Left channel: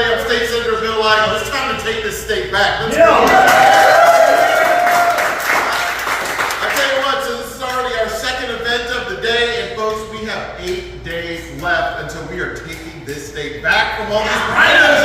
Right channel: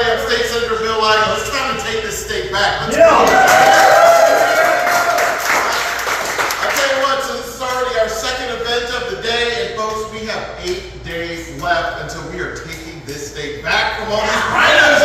everybody. I'm State Senator Bill Eigel. It's time to take this state back. Let's go. I tell you what, so this is already our second event of the day, and folks, we have 8 days left until we are taking this state back from all these rhinos.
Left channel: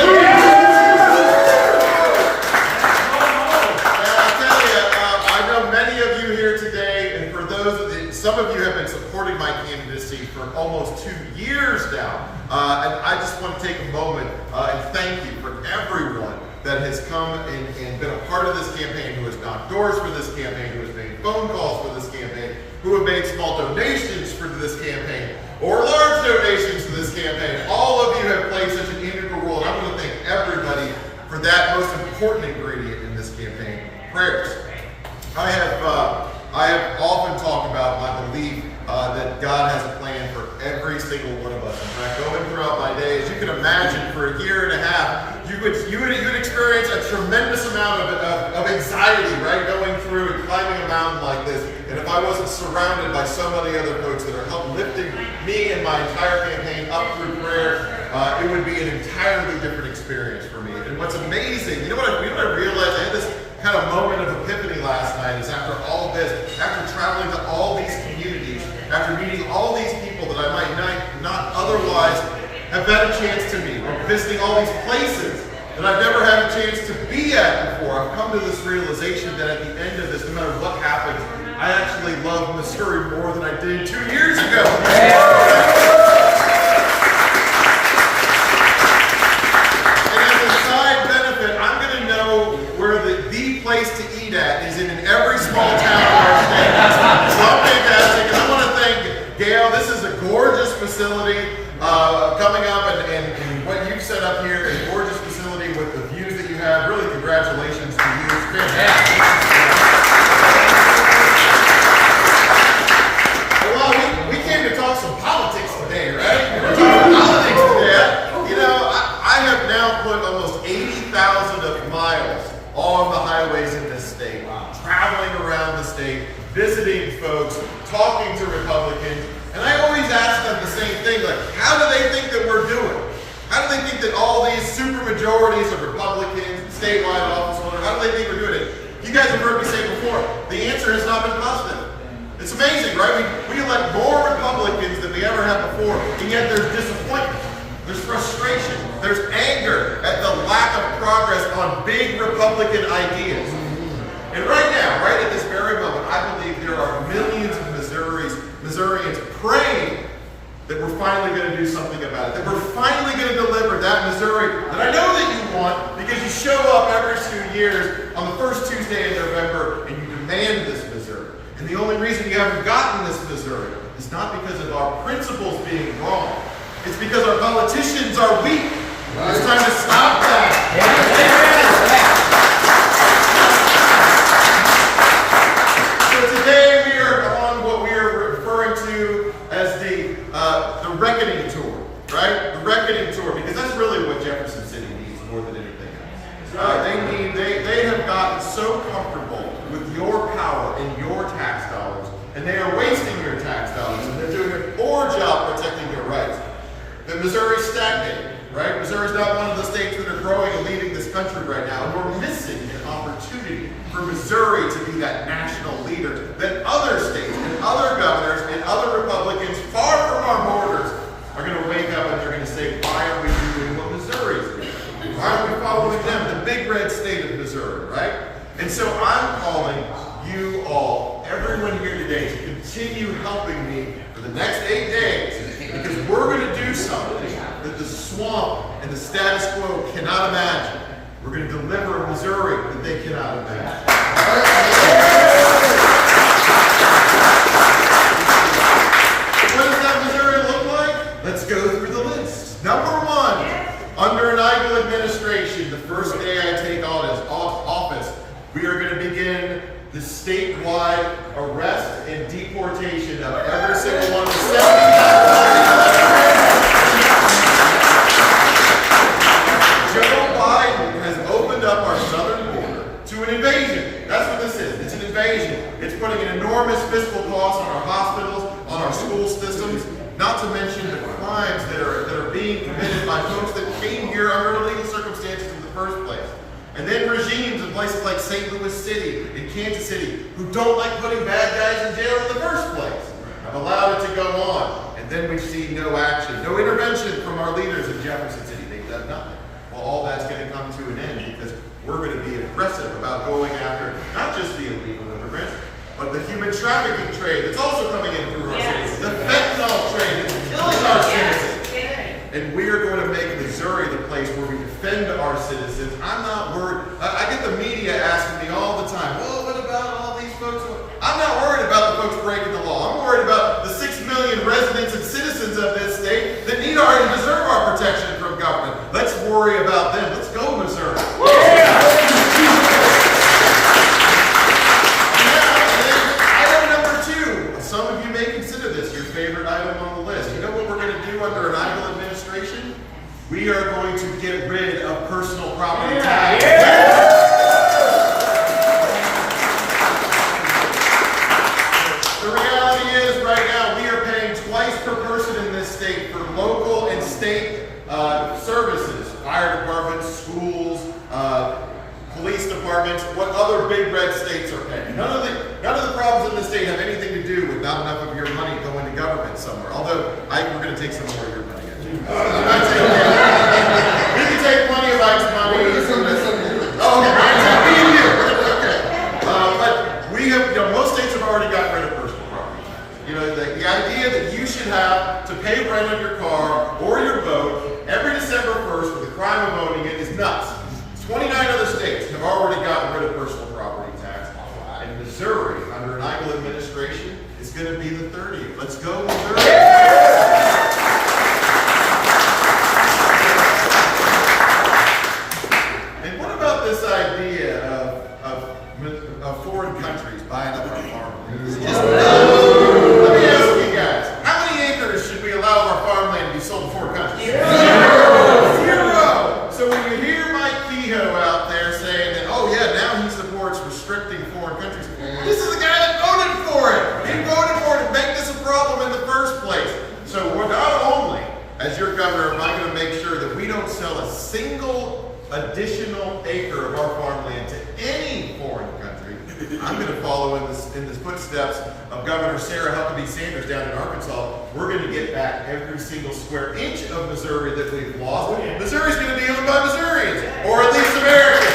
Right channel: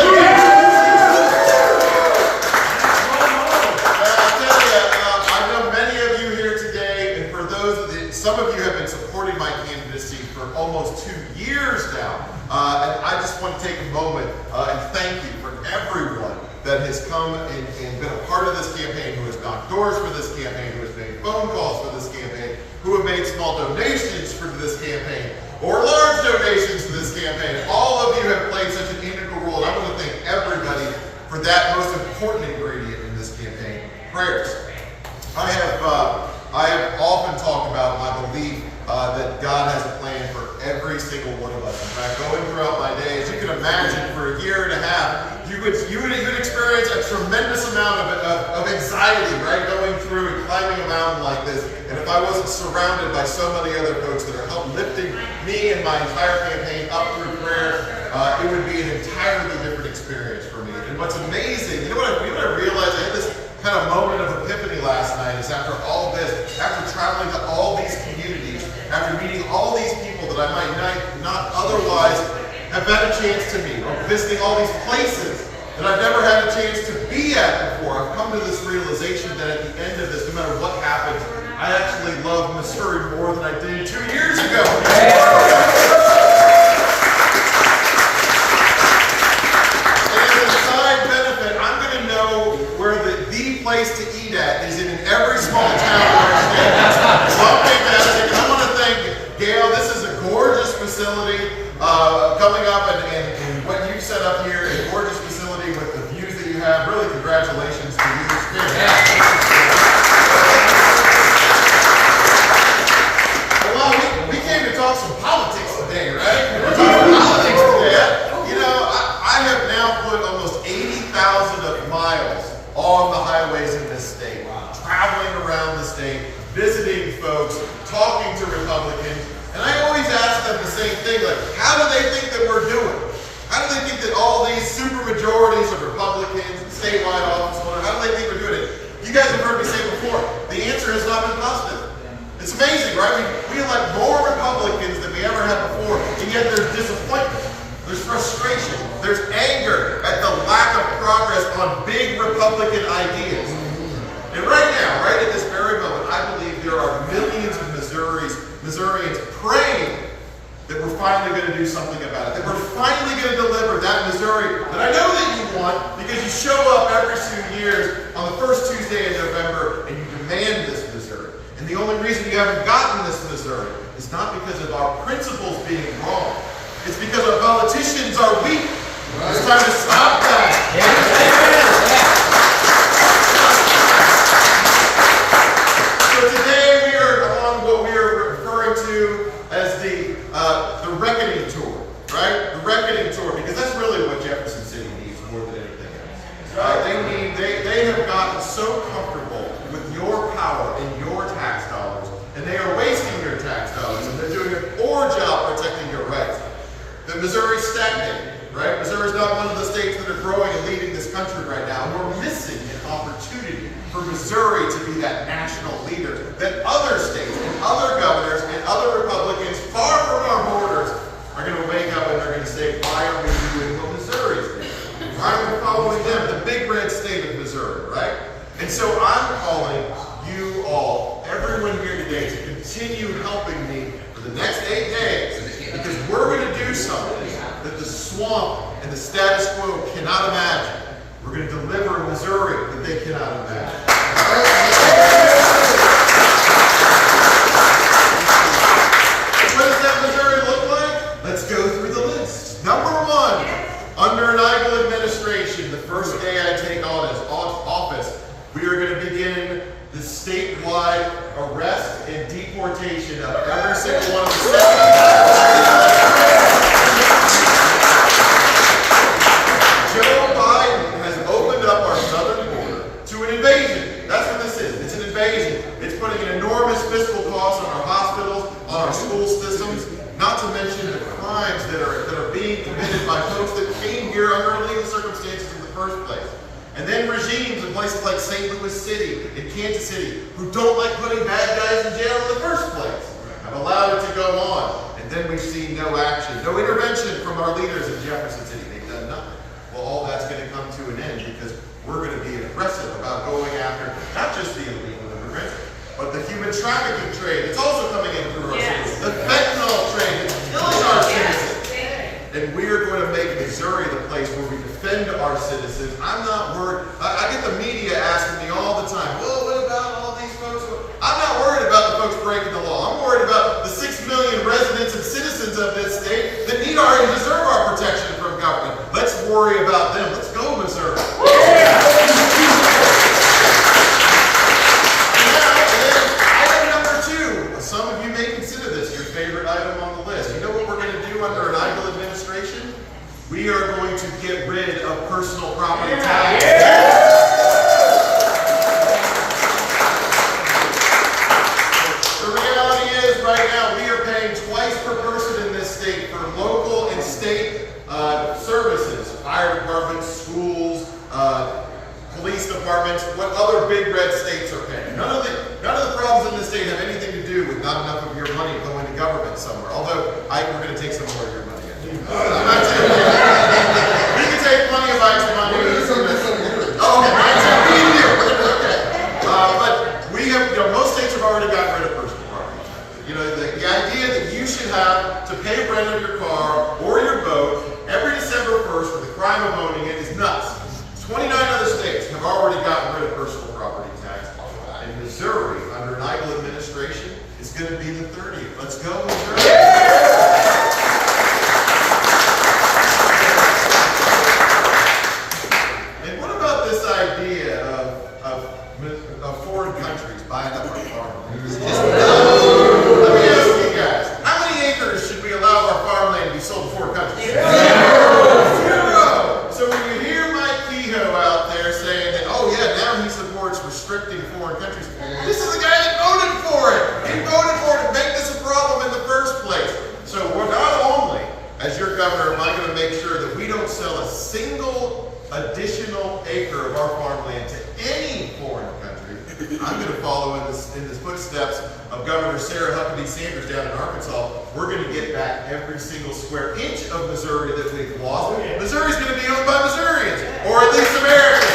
Some of you have been supporting my candidacy for almost 2 years now, and I just want to take a moment and thank you for everyone that has come and been a part of this campaign, who has knocked doors for this campaign, who has made phone calls for this campaign, who have made small donations for this campaign, or large donations to this campaign. All of you have played such an integral role, and I want to thank everybody for that most important ingredient in this campaign, prayers. I have often talked about my belief that God has a plan for every single one of us. And when I go in throughout my days, you can imagine for a year and a half, you would experience a tremendous amount of anxiety, right? Going through and climbing a mountain like this. And if I wasn't surrounded by so many other folks that are uplifting me and my entire campaign up through prayer, it would be an entirely different experience for me. And what's amazing, you know what I realized? I had this kind of moment of epiphany last night, is after all of this, after traveling to all these communities, after meeting all these people that I might not otherwise have had a chance to meet, or visiting all these places that I've never had a chance to be at before, I've come to this realization that at the end of this, no matter what happens, I actually love Missouri more than I did 2 years ago. Place to eat at is in every small town in our state. So fantastic. And I want to thank Gail. This is a gorgeous facility coming up, and what you've set up here is a gorgeous facility with the views that you have. Really, congratulations to you. It's fantastic. Well, we came to talk some politics today, right? We're talking politics today. You know, I have now put almost 80,000 of miles on the highways in this state, traveling around the state, visiting folks, talking to Republicans, and I always ask them the same thing, like, how do they think that we're doing? How do they think that all these supermajorities of Republicans, statewide office holders, how do they think we're doing it? You guys have heard me say before, the answer has not been positive. It's amazing, right? We elect more Republicans than we ever have before, and yet there's disappointment. There's frustration. There's anger at the lack of progress on big Republican ideas. And right now, right at this very moment, I believe there are millions of Missourians praying that we're finally going to do something about it, that we're finally going to deliver that Missouri that I know that you want, because you show up every 2 years on the first Tuesday in November and you demand this Missouri. And the only reason you haven't gotten this Missouri is not because of our principles being wrong. It's because our politicians are weak. It's time to stop that. So today we are on what we are referring to as the reckoning tour, right? The reckoning tour, because that's really what Jefferson City needs more than anything else. They have gotten so comfortable with your power and your tax dollars, and they are wasting your tax dollars, and they're doing a poor job protecting your rights. The Missouri's stagnating, right? Missouri's not one of the states that are growing and leading this country right now. And we're missing an opportunity for Missouri to be that national leader that other states and other governors and other Republicans far from our borders are going to wake up and they're going to say, why are we doing what Missouri's doing? Why are we following them, the big red state of Missouri, right? And so I'm calling you all, everyone here today, to continue helping me for the next 8 days, because we're going to do something that the swamp and the status quo cannot imagine. We're going to deliver a Missouri that they cannot imagine. What does that Missouri look like? Let's go through the list. Number 1, under an Eigel administration, the first day I take on as office, we are going to begin the statewide arrest and deportation of every single one of the 70,000. Joe Biden has opened up our southern border to an invasion. That's what this is. It's an invasion. It's putting an enormous fiscal cost on our hospitals, on our school systems, not to mention the crimes that are being being committed by folks that came here under illegal circumstances in the first place. And then regimes in places like St. Louis City and Kansas City who don't like putting bad guys in jail in the first place have allowed it to go on. And then we've seen no action, no intervention from our leaders in Jefferson City. They've done nothing. Well, all that's going to come to an end because we're going to be aggressive about going after not just the illegal immigrants, but the human trafficking trade that's also coming in through our cities. The fentanyl trade that's killing our citizens. And we are going to make Missouri the place where we defend our citizens. I'm not worried. I get the media asking me all the time, well, what about all these folks? I'm not worried about the folks breaking the law. I'm worried about the 6 million residents and citizens of this state that need our and deserve our protection from government. Let's worry about them. Let's go, Missouri. Some of you may consider this your favorite item on the list. You know what we're going to do under an Eigel administration? We are going to get rid of personal property tax. The reality is, right now, we are paying twice per person in this state for local and state services, fire departments, schools, police departments, what other big red states are paying. None of the problems in the state have anything to do with not enough of your money going to government somewhere. Although we're going to take some more of your money. We can take plenty of Ike's money. Oh, okay, right. Okay. But we have, most states have already gotten rid of personal property. The idea that you should have to pay rent on your car or your boat every December 1st for the crime of owning it is nuts. 29 other states have already gotten rid of personal property tax. And Missouri, under an Eigel administration, is going to be the 30th. Let's go, Missouri. And what about this idea of foreign countries buying up our farmland? Let me ask you guys, how many acres should we allow our farmland to be sold to foreign countries? Zero. So when you hear out there saying that, oh yeah, now he supports restricting foreign countries. This is the guy that voted for it. He voted for it to make this a problem in the first place. So we're not only, as your governor, am I going to make sure that we don't sell a single additional acre of our farmland to any foreign country. I'm going to follow in the footsteps of Governor Sarah Huckabee Sanders down in Arkansas. We're going to get back every single square inch of Missouri that we've lost. Missouri's going to be owned by Missourians, or at least Americans.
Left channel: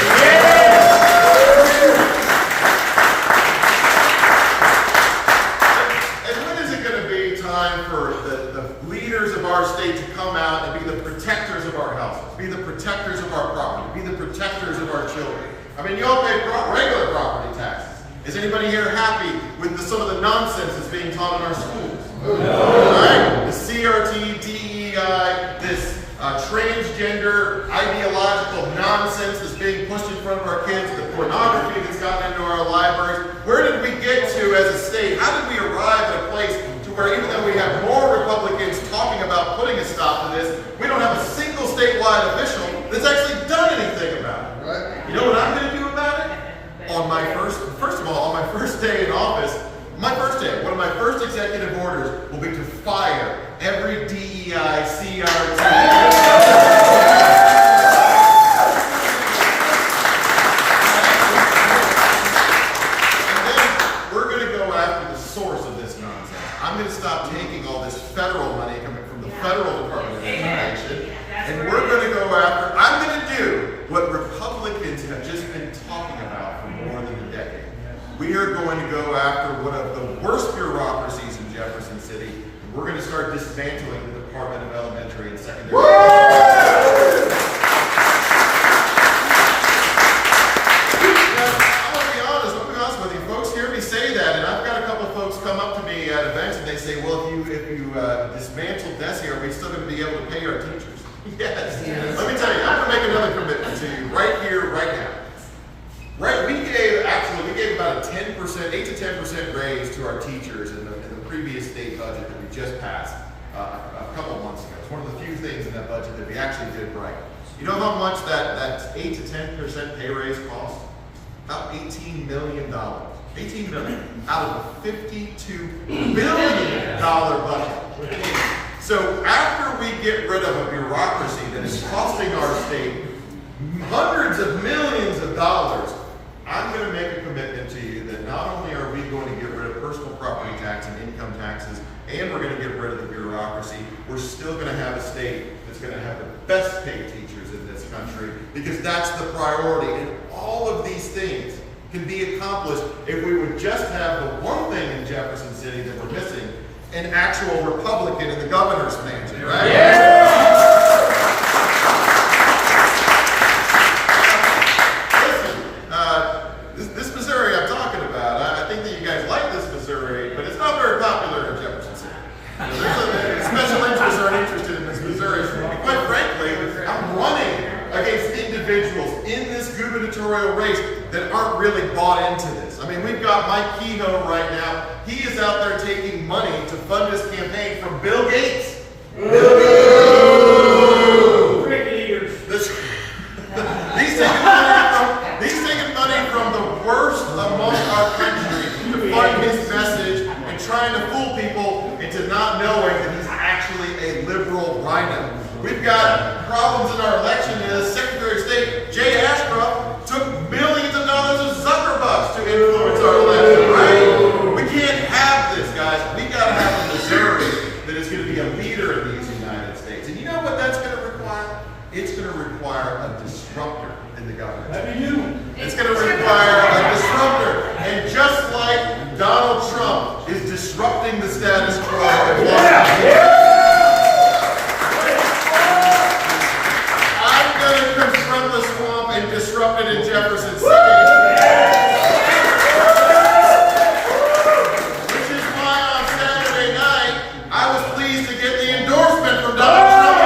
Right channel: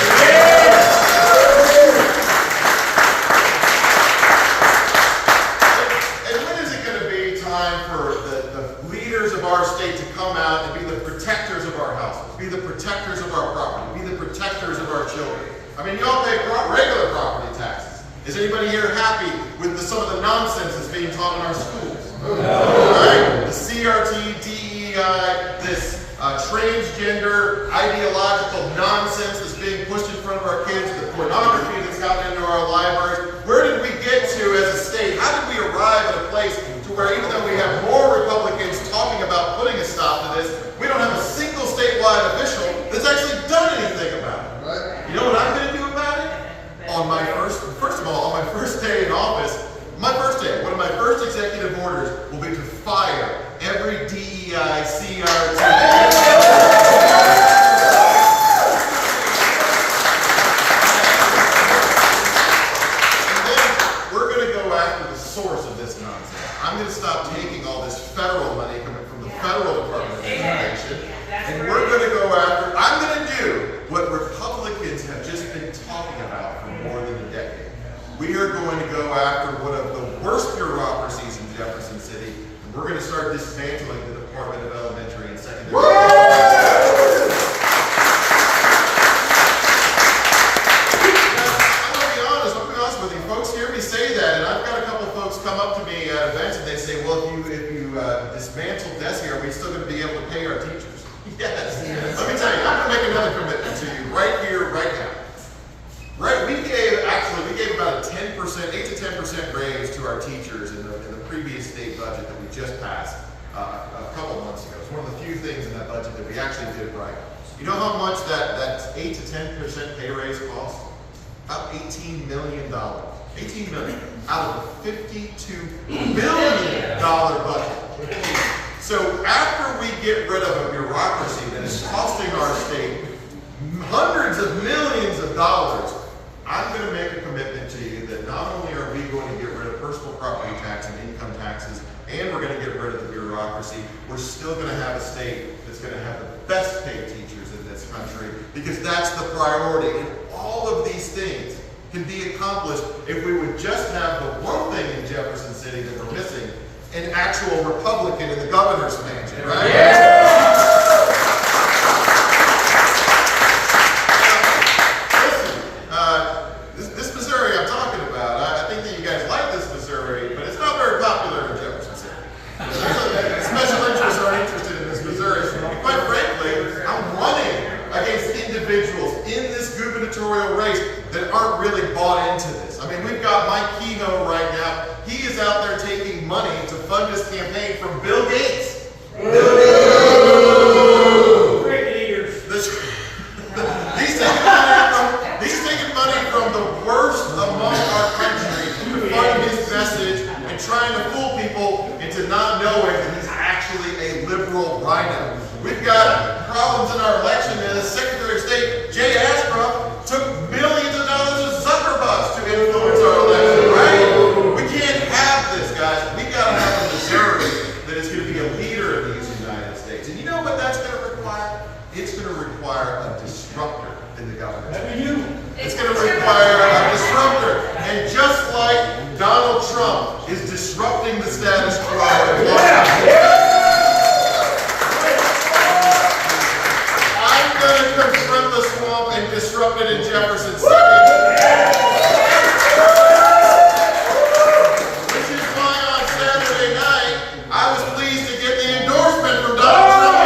And when is it going to be time for the leaders of our state to come out and be the protectors of our houses, be the protectors of our property, be the protectors of our children? I mean, you all pay regular property taxes. Is anybody here happy with some of the nonsense that's being taught in our schools? No. All right? The CRT, DEI, this transgender ideological nonsense that's being pushed in front of our kids, the pornography that's gotten into our libraries. Where did we get to as a state? How did we arrive at a place to where even though we have more Republicans talking about putting a stop to this, we don't have a single statewide official that's actually done anything about it? Right. You know what I'm going to do about it? On my first of all, on my first day in office, one of my first executive orders will be to fire every DEI, CRT. And then we're going to go after the source of this nonsense. I'm going to stop taking all this federal money coming from the federal Department of Education, and we're going to go after, I'm going to do what Republicans have just been talking about for more than a decade. We are going to go after one of the worst bureaucracies in Jefferson City, and we're going to start dismantling the Department of Elementary and Secondary Education. I'll be honest with you, folks hear me say that, and I've got a couple of folks come up to me at events and they say, well, if you dismantle DESE, are we still going to be able to pay our teachers? Yes. Let me tell you, I'm going to make another commitment to you right here, right now. Right, we gave about a 8 to 10% raise to our teachers in the previous state budget that we just passed a couple months ago. It's one of the few things in that budget that we actually did right. You know how much that 8 to 10% pay raise cost? About $18 million. $18 million out of a $52 billion budget. So after we get rid of a bureaucracy that is costing our state hundreds of millions of dollars, I'm going to make a commitment to you that not only are we going to get rid of personal property tax and income taxes, and we're going to get rid of the bureaucracy, we're still going to have a state that's going to have the best paid teachers in this country, because that's the priority. And all of these things can be accomplished if we would just have the one thing in Jefferson City that we're missing, an actual Republican in the governor's mansion, right? Yeah. Listen, this Missouri I'm talking about, I think that you guys like this Missouri, but it's not very popular in Jefferson City. Special interests aren't interested in this Missouri. And quite frankly, I'm running against individuals in this gubernatorial race that aren't really bought into this. I mean, we've got Mike Kehoe right now. He is out there taking money to fund his campaign from Bill Gates. Bill Gates. Great leaders. He's taking money from the worst among our country to fund his message and trying to fool people into not knowing that he's actually a liberal rhino. We've got problems in our election, and the Secretary of State, Jay Ashcroft, took millions of dollars of Zuckerbucks to influence our election, right? We can't have this, guys. We gotta have a Missouri that is gonna be a leader in these United States. And you know what that's gonna require? It's gonna require a disruptor in the government. It's gonna require a disruptor. And just like Donald Trump is disrupting the status quo in Washington, I'm going to confront the swamp and disrupt it in Jefferson City. Which is why on Saturday night, I was pleased to get the endorsement from Donald Trump.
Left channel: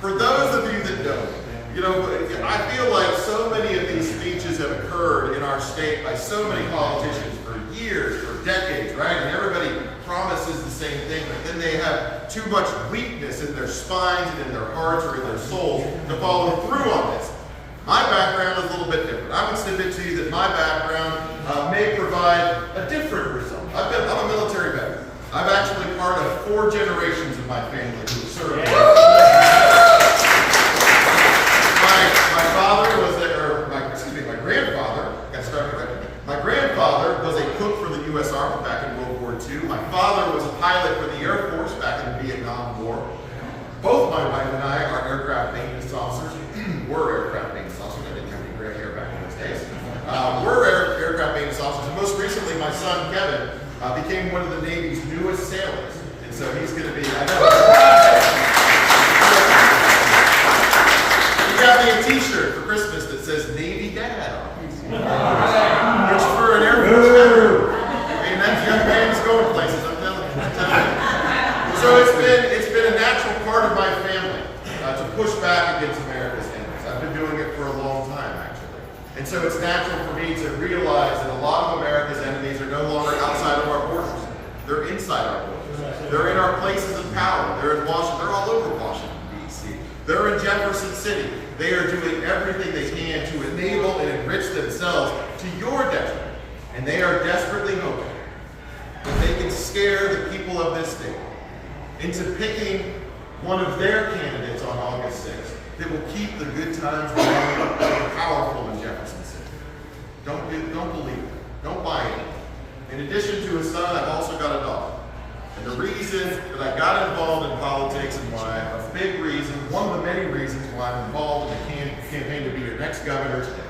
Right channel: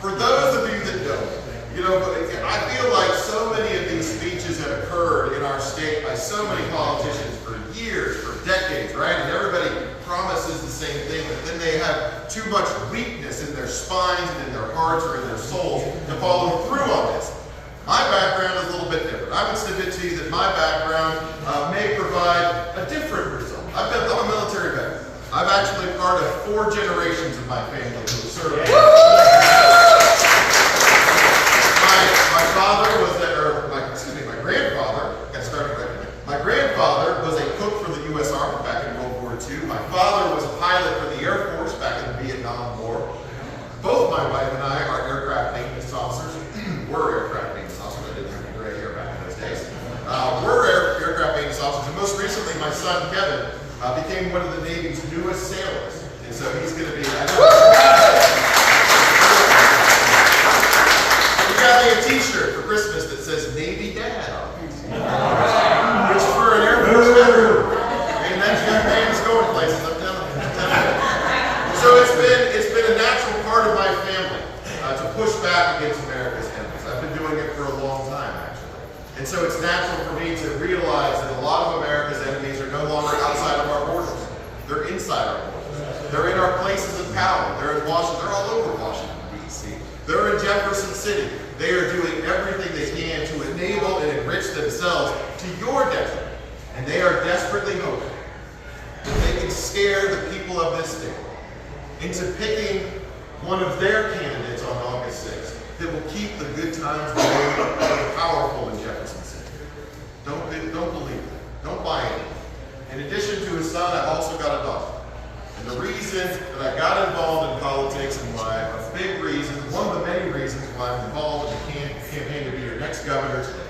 For those of you that don't, I feel like so many of these speeches have occurred in our state by so many politicians for years, for decades, right? And everybody promises the same thing, but then they have too much weakness in their spines and in their hearts or in their souls to follow through on this. My background is a little bit different. I would submit to you that my background may provide a different result. I'm a military veteran. I'm actually part of 4 generations of my family who served. My grandfather was a cook for the U.S. Army back in World War II. My father was a pilot for the Air Force back in the Vietnam War. Both my wife and I are aircraft maintenance officers. Were aircraft maintenance officers. I didn't have any gray hair back in those days. We're aircraft maintenance officers. And most recently, my son Kevin became one of the Navy's newest sailors. And so he's going to be... He got me a t-shirt for Christmas that says Navy Dad on it. Which for an Air Force veteran, I mean, that young man's going places, I'm telling you. So it's been a natural part of my family to push back against America's enemies. I've been doing it for a long time, actually. And so it's natural for me to realize that a lot of America's enemies are no longer outside of our borders. They're inside our borders. They're in our places of power. They're in Washington. They're all over Washington, D.C. They're in Jefferson City. They are doing everything they can to enable and enrich themselves to your detriment. And they are desperately hoping that they can scare the people of this state into picking one of their candidates on August 6th that will keep the good times going and powerful in Jefferson City. Don't believe it. Don't buy it. In addition to his son, I've also got a daughter. And the reason that I got involved in politics and why, a big reason, one of the many reasons why I'm involved in the campaign to be your next governor today,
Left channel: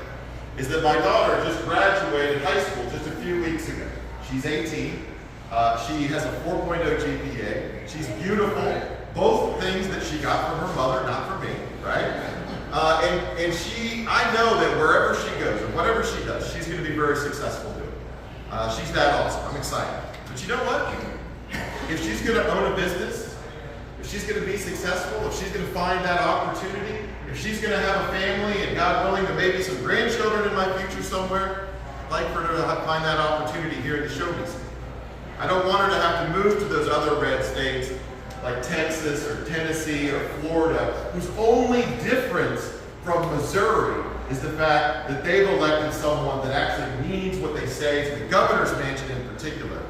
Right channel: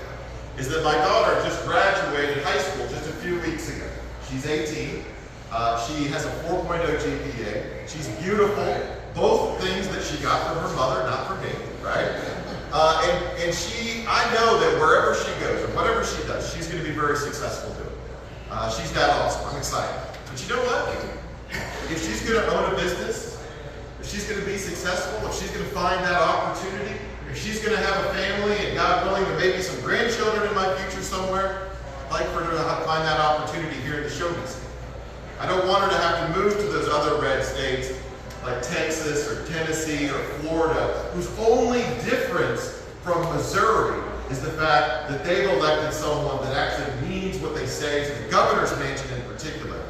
is that my daughter just graduated high school just a few weeks ago. She's 18. She has a 4.0 GPA. She's beautiful. Both things that she got from her mother, not from me, right? And I know that wherever she goes or whatever she does, she's going to be very successful doing it. She's that awesome. I'm excited. But you know what? If she's going to own a business, if she's going to be successful, if she's going to find that opportunity, if she's going to have a family and God willing, there may be some grandchildren in my future somewhere, I'd like for her to find that opportunity here in the show business. I don't want her to have to move to those other red states like Texas or Tennessee or Florida, whose only difference from Missouri is the fact that they've elected someone that actually means what they say to the governor's mansion in particular.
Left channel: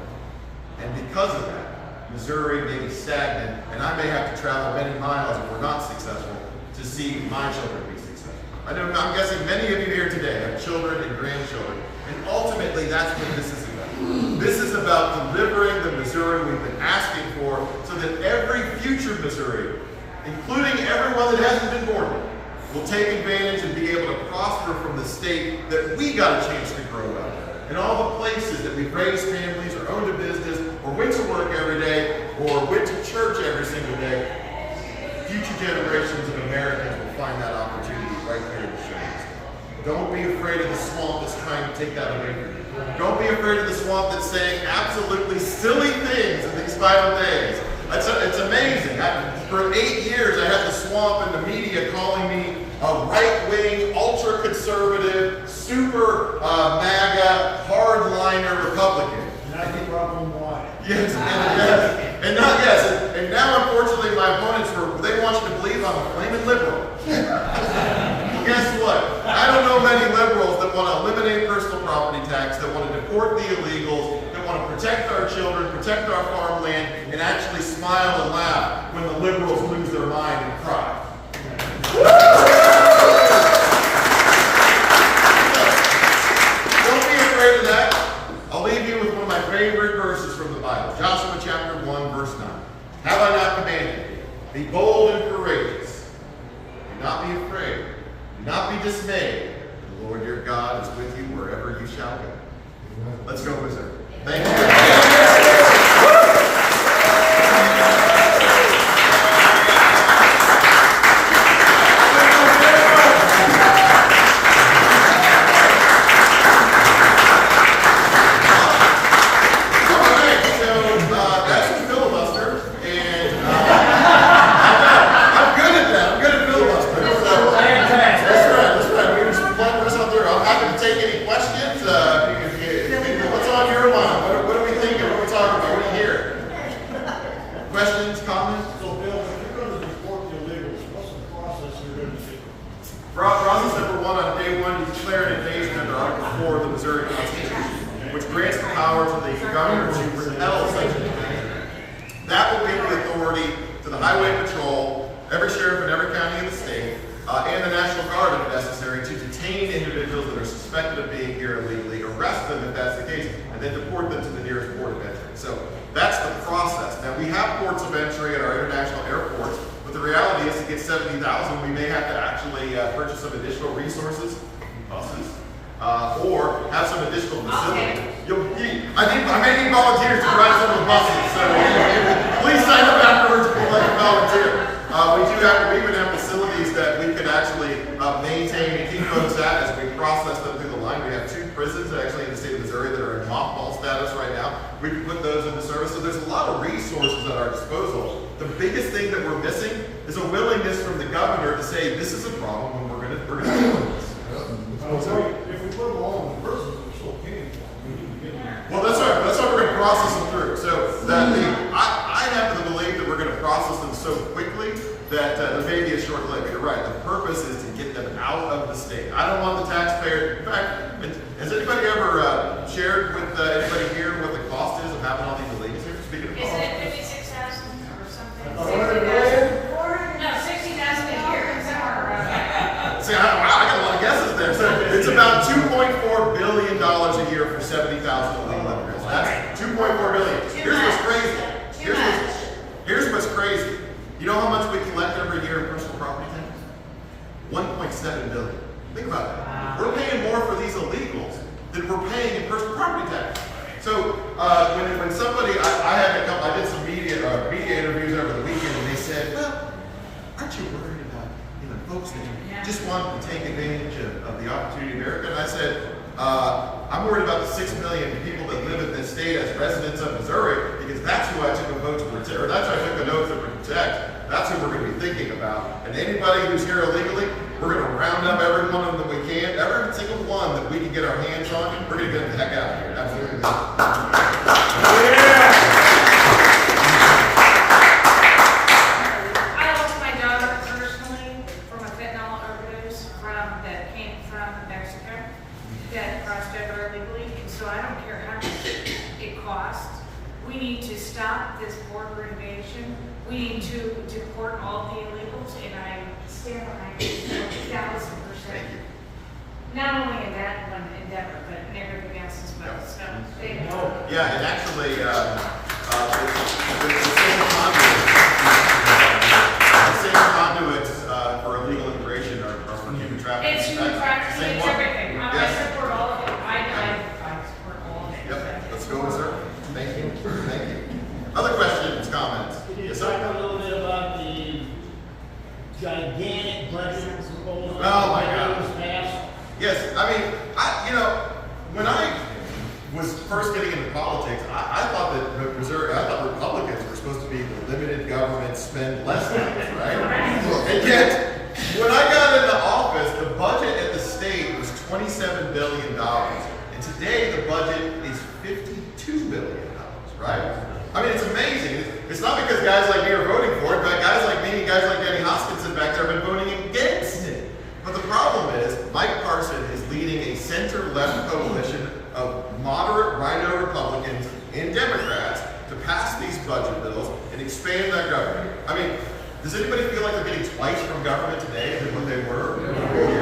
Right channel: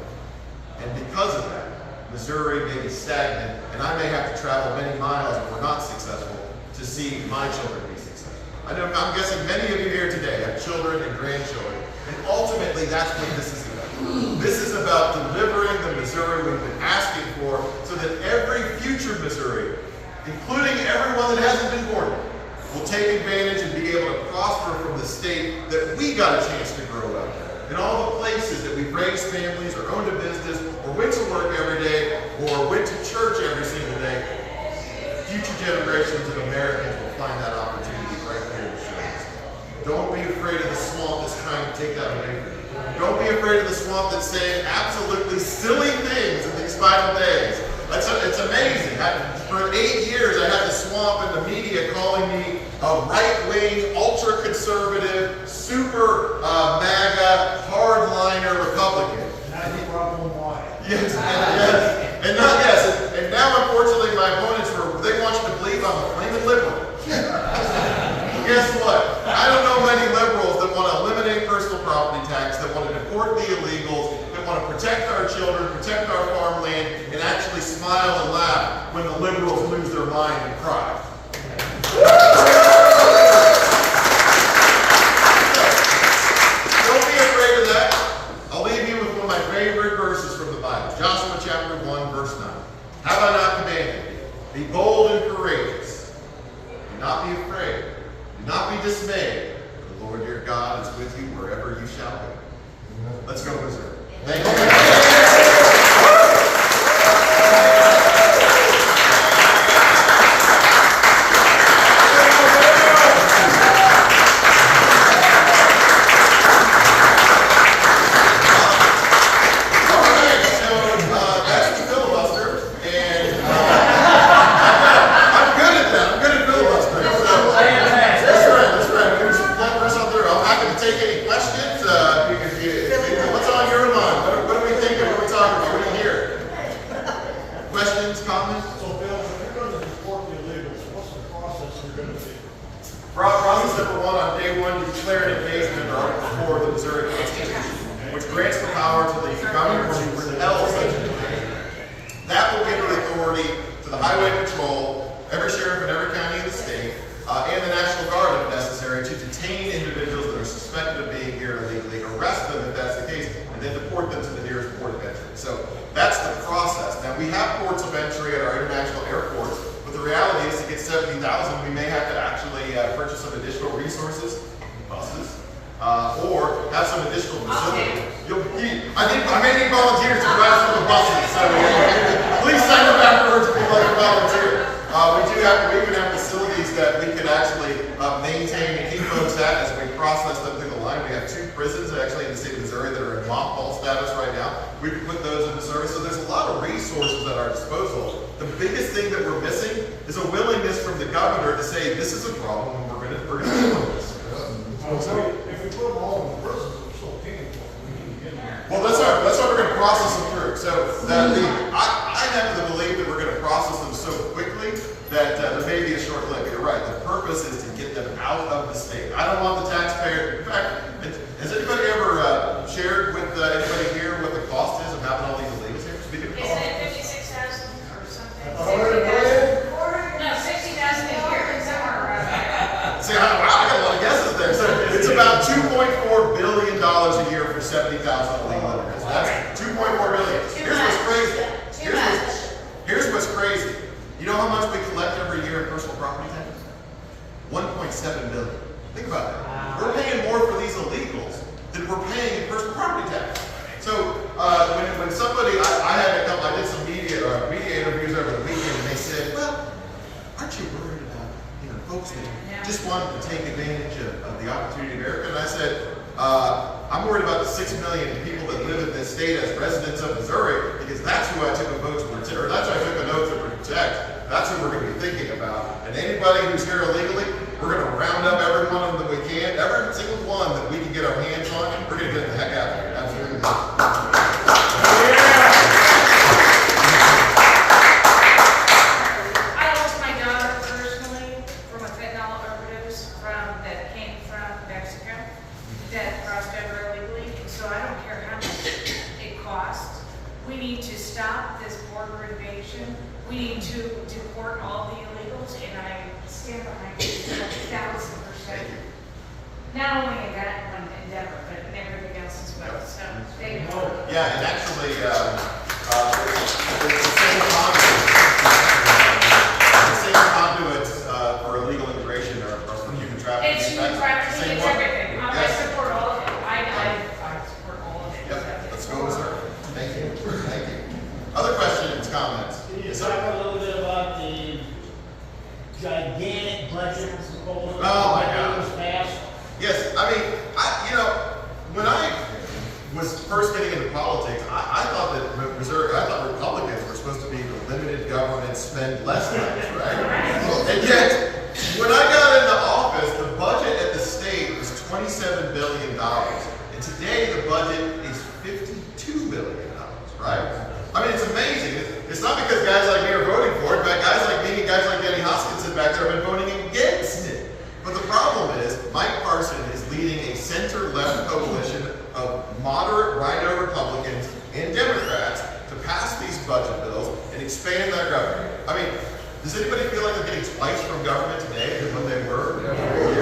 And because of that, Missouri may be stagnant, and I may have to travel many miles if we're not successful to see my children be successful. I'm guessing many of you here today have children and grandchildren, and ultimately that's what this is about. This is about delivering the Missouri we've been asking for so that every future Missouri, including everyone that hasn't been born yet, will take advantage and be able to prosper from the state that we got a chance to grow up in all the places that we've raised families or owned a business or went to work every day or went to church every single day. Future generations of Americans will find that opportunity right here in the shores. Don't be afraid of the swamp that's trying to take that away from you. Don't be afraid of the swamp that's saying absolutely silly things in these final days. It's amazing. For 8 years, I had the swamp and the media calling me a right-wing, ultra-conservative, super MAGA, hardliner Republican. That's the problem why. Yes, and now unfortunately my opponents they want you to believe I'm a flaming liberal. Well, guess what? I don't know many liberals that want to eliminate personal property tax, that want to deport the illegals, that want to protect our children, protect our farmland, and actually smile and laugh when the liberals lose their mind and cry. Don't be afraid of that. I'll leave you with one of my favorite verses from the Bible. Joshua chapter 1, verse 9. Have I not commanded thee? Be bold and courageous. Do not be afraid. Do not be dismayed. The Lord your God is with you wherever you shall go. Let's go, Missouri. Thank you. Process number one, on day one, you declare an engagement under Article 4 of the Missouri Constitution, which grants the power to the governor to repel such an engagement. That will give the authority to the Highway Patrol, every sheriff in every county in the state, and the National Guard, if necessary, to detain individuals that are suspected of being here illegally, arrest them if that's the case, and then deport them to the nearest port of entry. So that's the process. Now, we have ports of entry at our international airports, but the reality is to get 70,000, we may have to actually purchase some additional resources, buses, or have some additional facilities. I may need volunteers to drive some of the buses, so please sign up afterwards if you'd like to volunteer. We even have facilities that we could actually maintain and keep folks at as we process them through the line. We have 2 prisons actually in the state of Missouri that are in mothball status right now. We can put those into service. So there's a lot of resources at our disposal. The biggest thing that we're missing is a willingness from the governor to say this is a problem and we're going to deal with this. If we put them all in prison, we're still paying for them. Well, that's why we're going to process them through. So I have the belief that we're going to process them so quickly that there may be a short delay. But you're right. The purpose is to get them out of the state. I don't want the taxpayer. In fact, has anybody ever shared with anybody here what the cost is of having all these illegals here? Speaking of cost. Isn't it 56,000 or something? 100,000? No, 60,000 a year, somewhere around there. See, I got a lot of guesses there. So it's about $2.4 billion a year for 70,000 illegal immigrants. That's $2.4 billion. Here's what's crazy. Here's what's crazy. You know how much we collect every year in personal property tax? $1.7 billion. Think about that. We're paying more for these illegals than we're paying in personal property tax. So when somebody, I did some media interviews over the weekend, and they said, well, aren't you worried about folks that just want to take advantage of the opportunity in America? And I said, I'm worried about the 6 million people that live in this state as residents of Missouri, because that's who I took a vote to protect, or that's who I took an oath to protect. That's who we're going to be thinking about. And anybody who's here illegally, we're going to round up every one of them that we can. Every single one that we can get our hands on, we're going to get them the heck out of here. Absolutely. I lost my daughter personally from a fentanyl overdose that came from that crossed over illegally, and so I don't care how much it costs. We need to stop this border invasion. We need to deport all of the illegals, and I stand behind you 1,000%. Not only in that one endeavor, but in everything else as well. So, thank you. Yeah, and actually, the same conduits for illegal immigration or for human trafficking. It's human trafficking, Same it's one. everything. I Yes. support all of it. I support all of it. Yep, let's go, sir. Thank you. Thank you. Other questions, comments? Can you Yes, talk sir. a little bit about the gigantic budget proposal? Oh, my that God. was passed? Yes, I mean, when I was first getting into politics, I thought that Republicans were supposed to be the limited government, spend less things, right? And yet, when I got into office, the budget at the state was $27 billion. And today, the budget is $52 billion, right? I mean, it's amazing. It's not because guys like me are voting for it, but guys like me and guys like Denny Hoskinson back there have been voting against it. But the problem is, Mike Parson is leading a center-left coalition of moderate right-o Republicans and Democrats to pass these budget bills and expand that government. I mean, does anybody feel like they're getting twice from government today than when they were?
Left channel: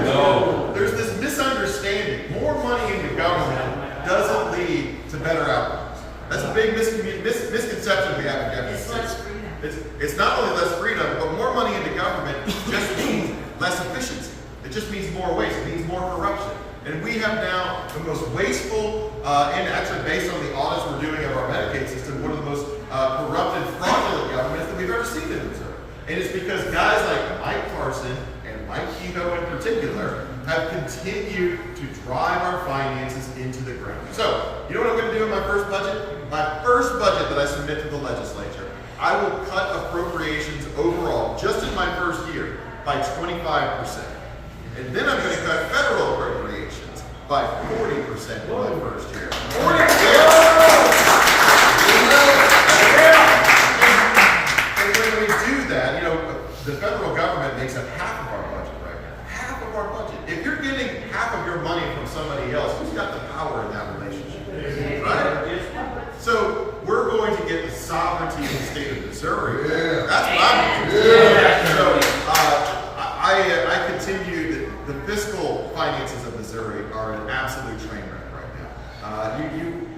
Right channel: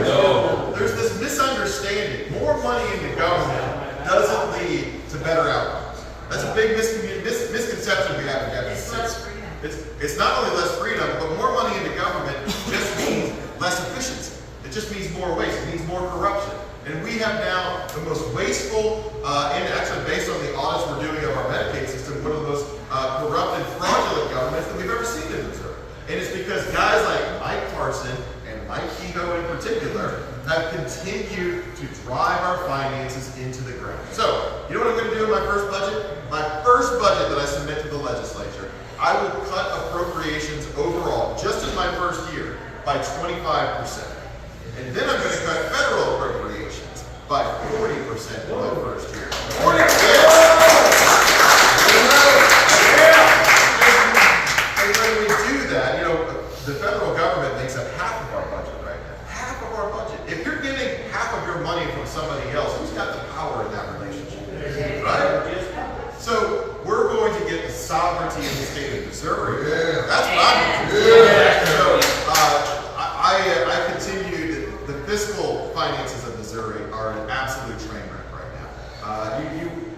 No. There's this misunderstanding. More money into government doesn't lead to better outcomes. That's a big misconception we have in government. It's less freedom. It's not only less freedom, but more money into government just means less efficiency. It just means more waste. It means more corruption. And we have now the most wasteful, and actually based on the audits we're doing of our Medicaid system, one of the most corrupt and fraudulent governments that we've ever seen in Missouri. And it's because guys like Mike Parson and Mike Kehoe in particular have continued to drive our finances into the ground. So, you know what I'm going to do in my first budget? My first budget that I submit to the legislature, I will cut appropriations overall, just in my first year, by 25%. And then I'm going to cut federal appropriations by 40% in my first year. 40%! And when we do that, the federal government makes up half of our budget right now. Half of our budget. If you're getting half of your money from somebody else, who's got the power in that relationship? Right? So we're going to get the sovereignty of the state of Missouri. Yeah. That's what I'm going to do. So I continue. The fiscal finances of Missouri are an absolute train wreck right now.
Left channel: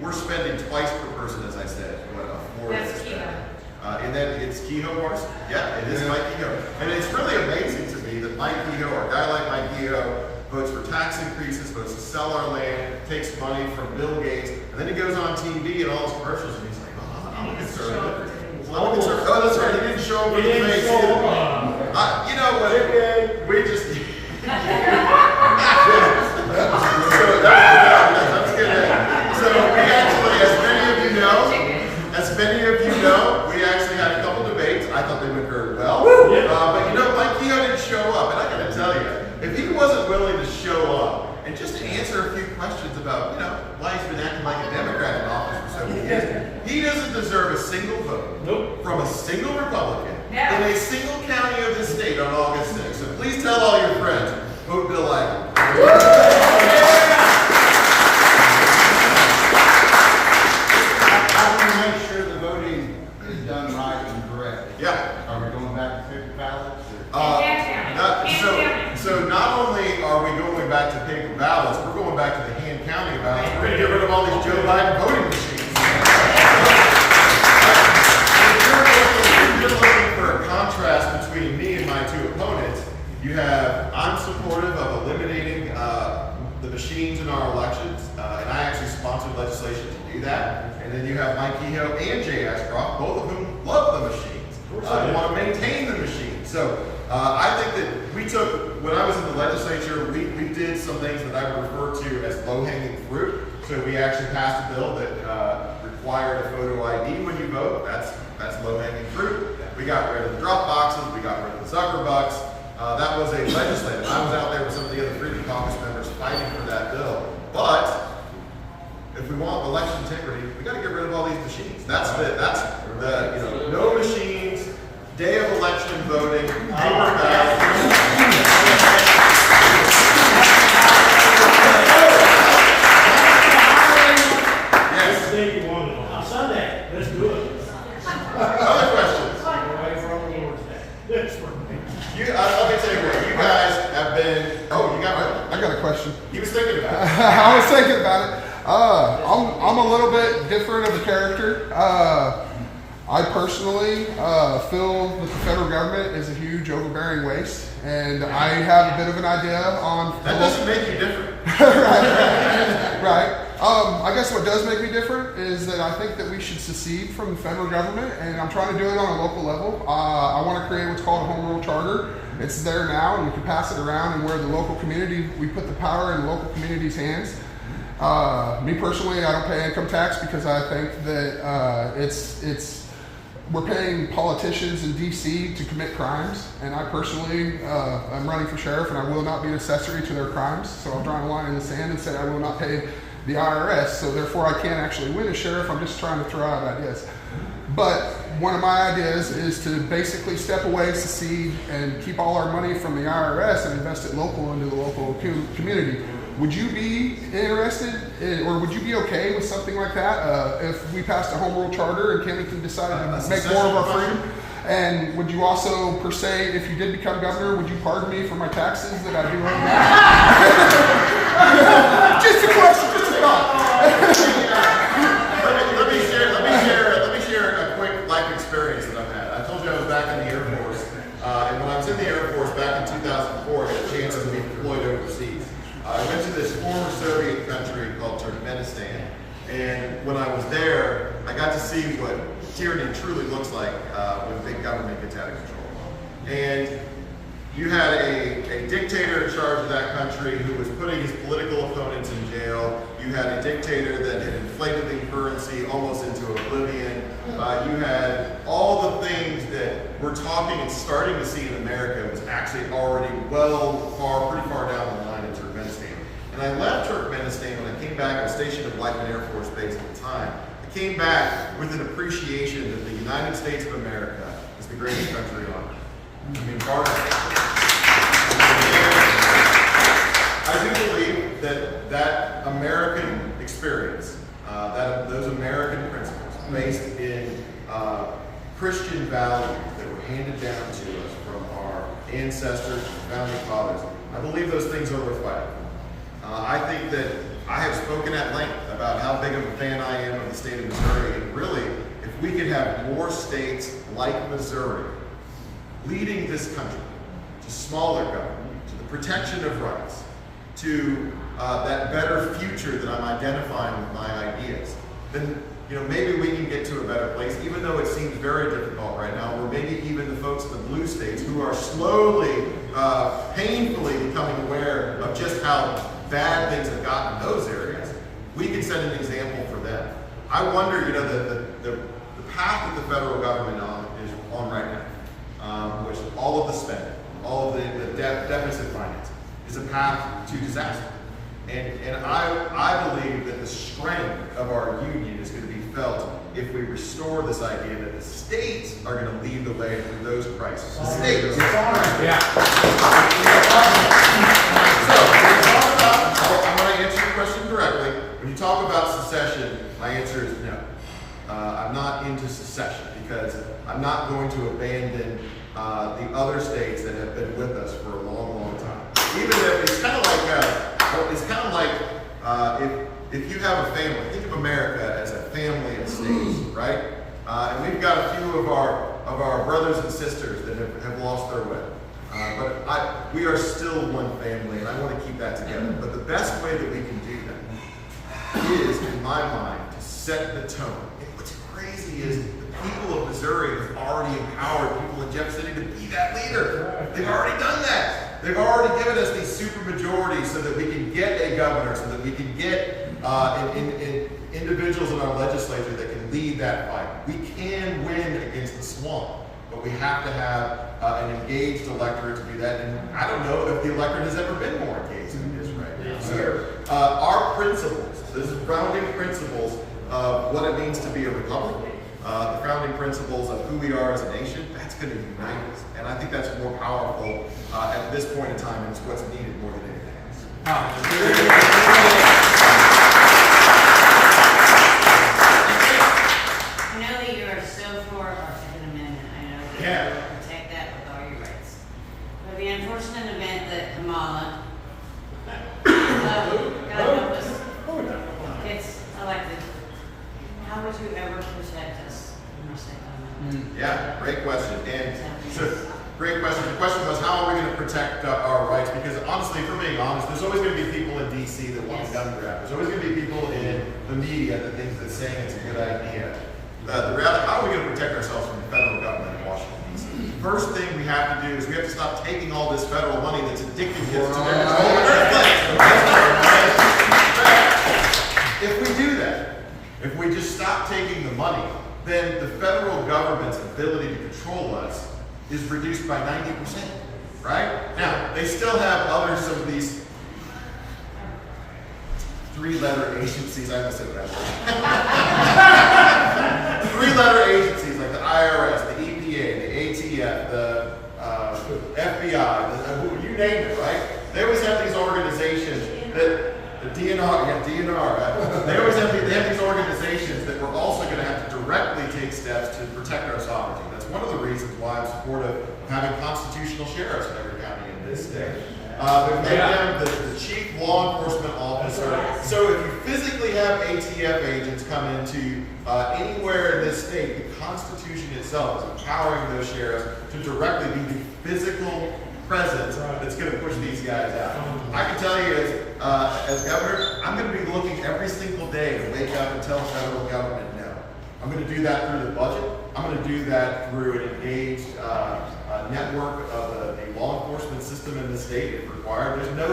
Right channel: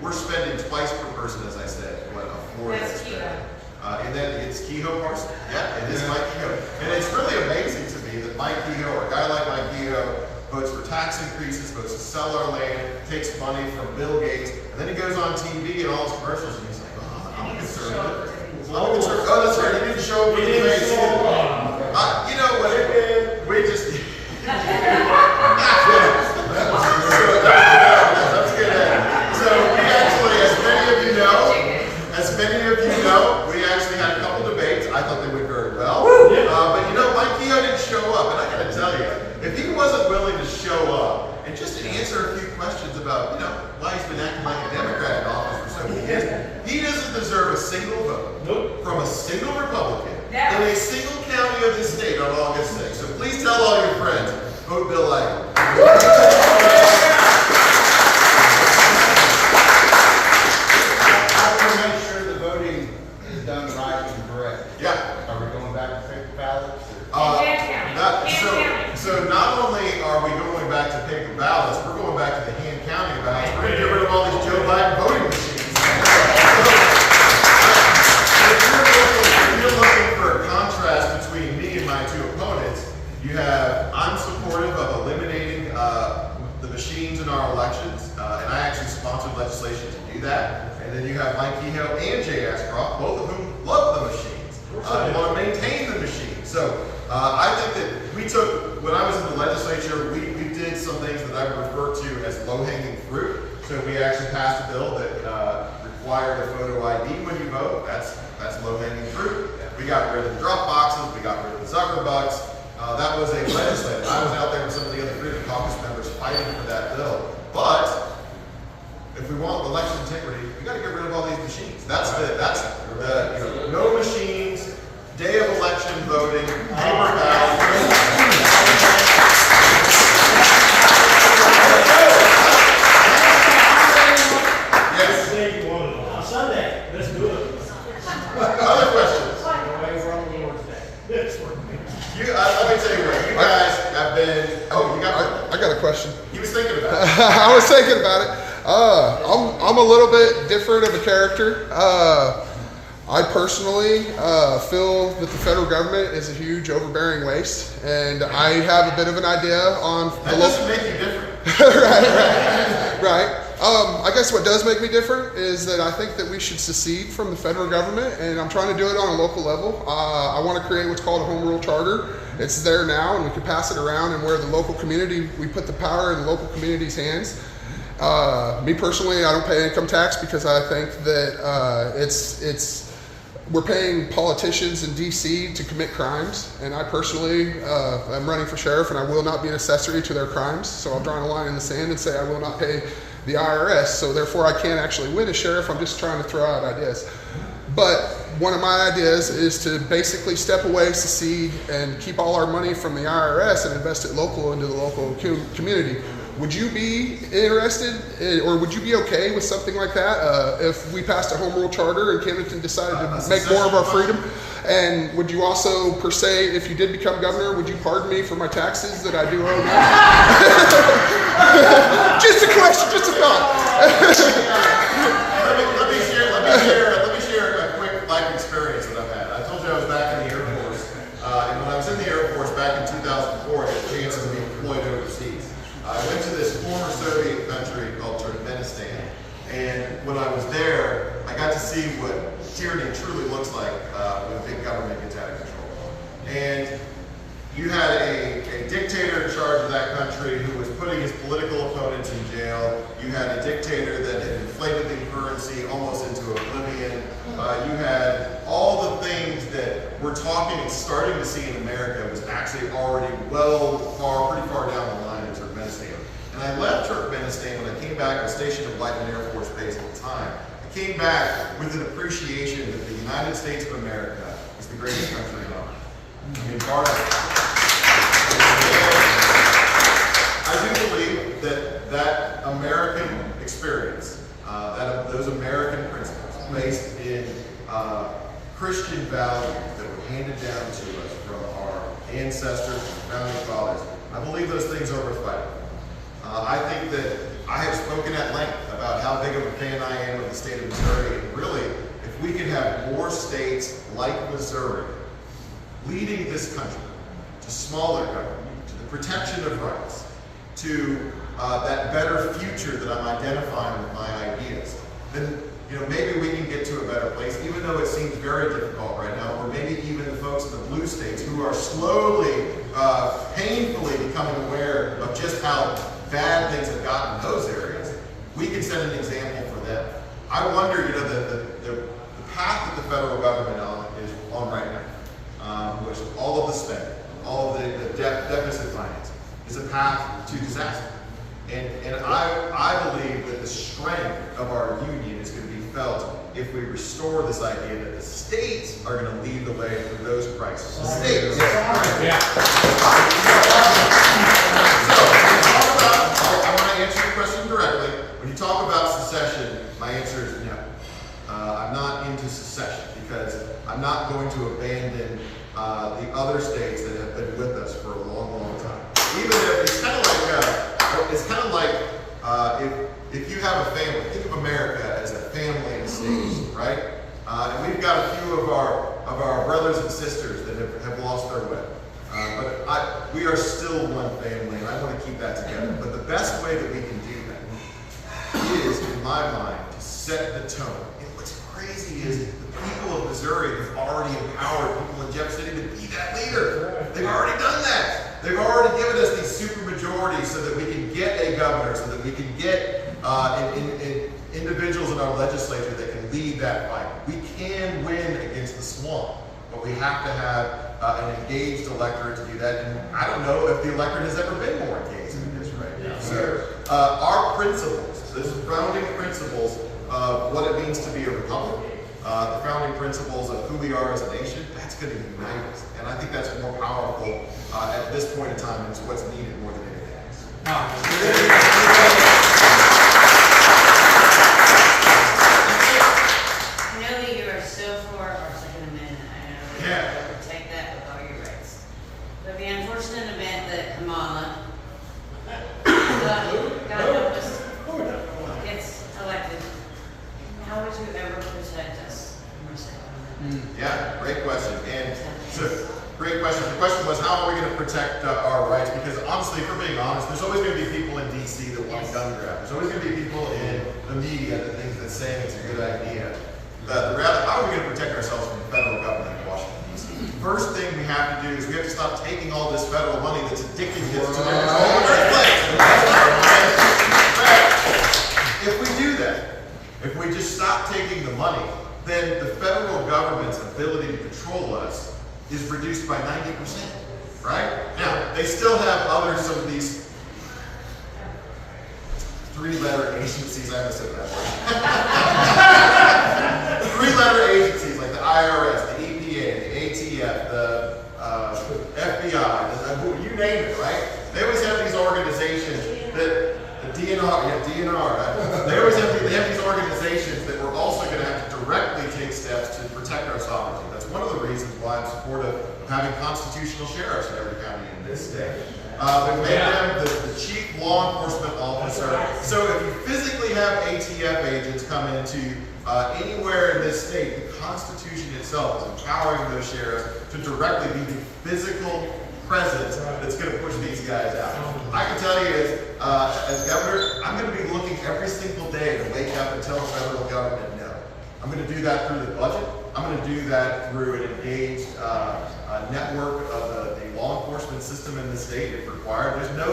We're spending twice per person, as I said, what a Florida That's Kehoe. And then it's Kehoe Parson. Yeah, it is Mike Kehoe. And it's really amazing to me that Mike Kehoe, or a guy like Mike Kehoe, votes for tax increases, votes to sell our land, takes money from Bill Gates, and then he goes on TV and all his commercials, and he's like, oh, I'm a conservative. I'm a conservative. Oh, that's right, he didn't show up for the debates either. You know what? We just... So we actually, as many of you know, we actually had a couple debates. I thought they went very well. But Mike Kehoe didn't show up, and I gotta tell you, if he wasn't willing to show up and just answer a few questions about, why he's been acting like a Democrat in office for so many years, he doesn't deserve a single vote from a single Republican in a single county of this state on August 6th. So please tell all your friends, vote Bill Eigel. How do we make sure the voting is done right and correct? Yeah. Are we going back to paper ballots? So not only are we going back to paper ballots, we're going back to the hand counting ballots. We're going to get rid of all these Joe Biden voting machines. If you're looking for a contrast between me and my two opponents, I'm supportive of eliminating the machines in our elections, and I actually sponsored legislation to do that. And then you have Mike Kehoe and Jay Ashcroft, both of whom love the machines. They want to maintain the machines. So I think that when I was in the legislature, we did some things that I refer to as low-hanging fruit. So we actually passed a bill that required a photo ID when you vote. That's low-hanging fruit. We got rid of the drop boxes. We got rid of the Zuckerbucks. That was a legislative. I was out there with some of the other Freedom Caucus members fighting for that bill. But if we want election integrity, we got to get rid of all these machines. That's the no machines, day of election voting, paper ballot. thinking about it. I was thinking about it. I'm a little bit different of a character. I personally feel that the federal government is a huge overbearing waste, and I have a bit of an idea on. That doesn't make you different. Right. I guess what does make me different is that I think that we should secede from the federal government, and I'm trying to do it on a local level. I want to create what's called a home rule charter. It's there now, and we can pass it around, and where the local community, we put the power in the local community's hands. Me personally, I don't pay income tax because I think that we're paying politicians in DC to commit crimes, and I personally, I'm running for sheriff, and I will not be an accessory to their crimes. So I'm drawing a line in the sand and say I will not pay the IRS. So therefore, I can't actually win as sheriff. I'm just trying to throw out ideas. But one of my ideas is to basically step away, secede, and keep all our money from the IRS and invest it local into the local community. Would you be interested, or would you be okay with something like that if we passed a home rule charter and Kennington decided to make more of our freedom? And would you also, per se, if you did become governor, would you pardon me for my taxes that I do owe now? Just a question, just a thought. Let me share a quick life experience that I've had. I told you I was back in the Air Force, and when I was in the Air Force back in 2004, I had a chance to be deployed overseas. I went to this former Soviet country called Turkmenistan, and when I was there, I got to see what tyranny truly looks like when big government gets out of control. And you had a dictator in charge of that country who was putting his political opponents in jail. You had a dictator that had inflated the currency almost into oblivion. You had all the things that we're talking and starting to see in America was actually already pretty far down the line in Turkmenistan. And I left Turkmenistan when I came back. I was stationed at Whiteman Air Force Base at the time. I came back with an appreciation that the United States of America is the greatest country on earth. I mean, I do believe that American experience, those American principles based in Christian values that were handed down to us from our ancestors and founding fathers, I believe those things are worth fighting. I think that I have spoken at length about how big of a fan I am of the state of Missouri, and really, if we could have more states like Missouri leading this country to smaller government, to the protection of rights, to that better future that I'm identifying with my ideas, then maybe we can get to a better place, even though it seems very difficult right now, or maybe even the folks in the blue states who are slowly, painfully becoming aware of just how bad things have gotten in those areas, we can set an example for them. I wonder, the path that the federal government is on right now, which all of the spending, all of the deficit financing, is a path to disaster. And I believe that the strength of our union is going to be felt if we restore this idea that the states are going to lead the way through those crises. The states. Yeah. So, I want to answer your question directly. When you talk about secession, my answer is no. I'm not into secession because I'm not going to abandon the other states that have been with us for a long, long time. Even if it's kind of like if you have a family, think of America as a family of states, right? And we've got a few of our brothers and sisters that have lost their way. But we are still one family, and I want to keep that together. But the best way that we can do that is, in my mind, to set the tone. And what's crazy is the people of Missouri have already empowered people in Jeff City to be that leader. They've already done that. They've already given us these super majorities so that we can get a governor, so that we can get individuals in our legislature that can lead that fight. We can win against the swamp, but we have to have an engaged electorate to do that. And I don't know if the electorate has ever been more engaged than it is right now. So our principles, these founding principles of what it means to be a republic, the founding principles of who we are as a nation, that's going to unite us. And I think that's more powerful at this point in time, and it's what's needed more than anything else. Oh. I know that you are so for our Second Amendment. I know that you will protect that with all your rights. But the unfortunate event that Kamala protect our rights, because honestly, if we're being honest, there's always going to be people in DC that want a gun grab. There's always going to be people in the media that think that saying it's a good idea. The reality, how are we going to protect ourselves from the federal government in Washington, D.C.? First thing we have to do is we have to stop taking all this federal money that's addicting kids to their control in the first place. If we do that, if we just stop taking the money, then the federal government's ability to control us is reduced by 90%, right? Now, they still have some of these three-letter agencies, I must say that word. Three-letter agencies like the IRS, the EPA, the ATF, the FBI, you name it, right? They always have these organizations that, the DNR, right? They always have these organizations that we're also going to have to directly take steps to protect our sovereignty. That's one of the reasons why I'm supportive of having constitutional sheriffs in every county in this state. We made them the chief law enforcement officer. So if you physically have ATF agents come into anywhere in this state, the Constitution itself is empowering those sheriffs to directly be the physical presence that's going to push these guys out. I can tell you, as governor, I'm going to be looking every single day to wake up and tell the federal government no. I'm going to do that through the budget. I'm going to do that through an engaged network of the law enforcement system in the state if required. There's no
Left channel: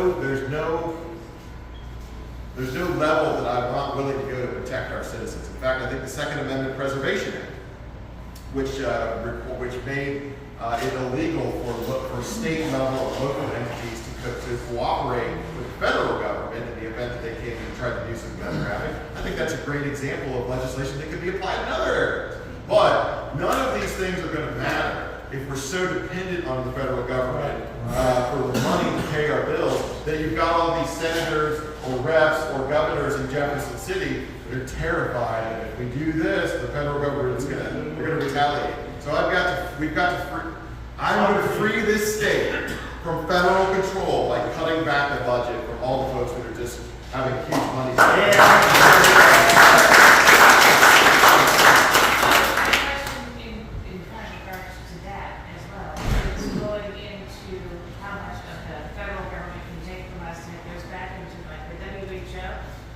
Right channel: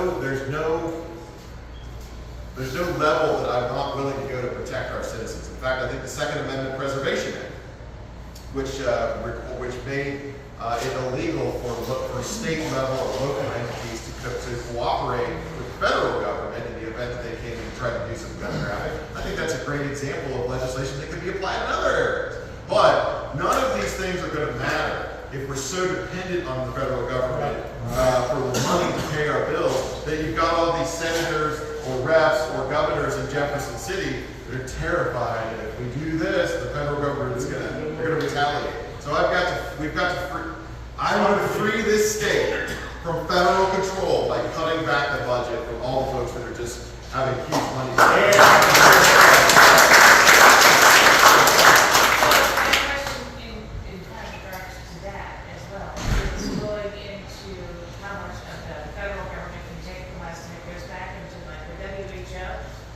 level that I'm not willing to go to protect our citizens. In fact, I think the Second Amendment Preservation Act, which made it illegal for state level or local entities to cooperate with the federal government in the event that they came in and tried to do some gun grabbing. I think that's a great example of legislation that could be applied in other areas. But none of these things are going to matter if we're so dependent on the federal government for the money to pay our bills that you've got all these senators or reps or governors in Jefferson City that are terrified. And if we do this, the federal government is going to retaliate. So I'm going to free this state from federal control by cutting back the budget from all the folks that are just having huge money.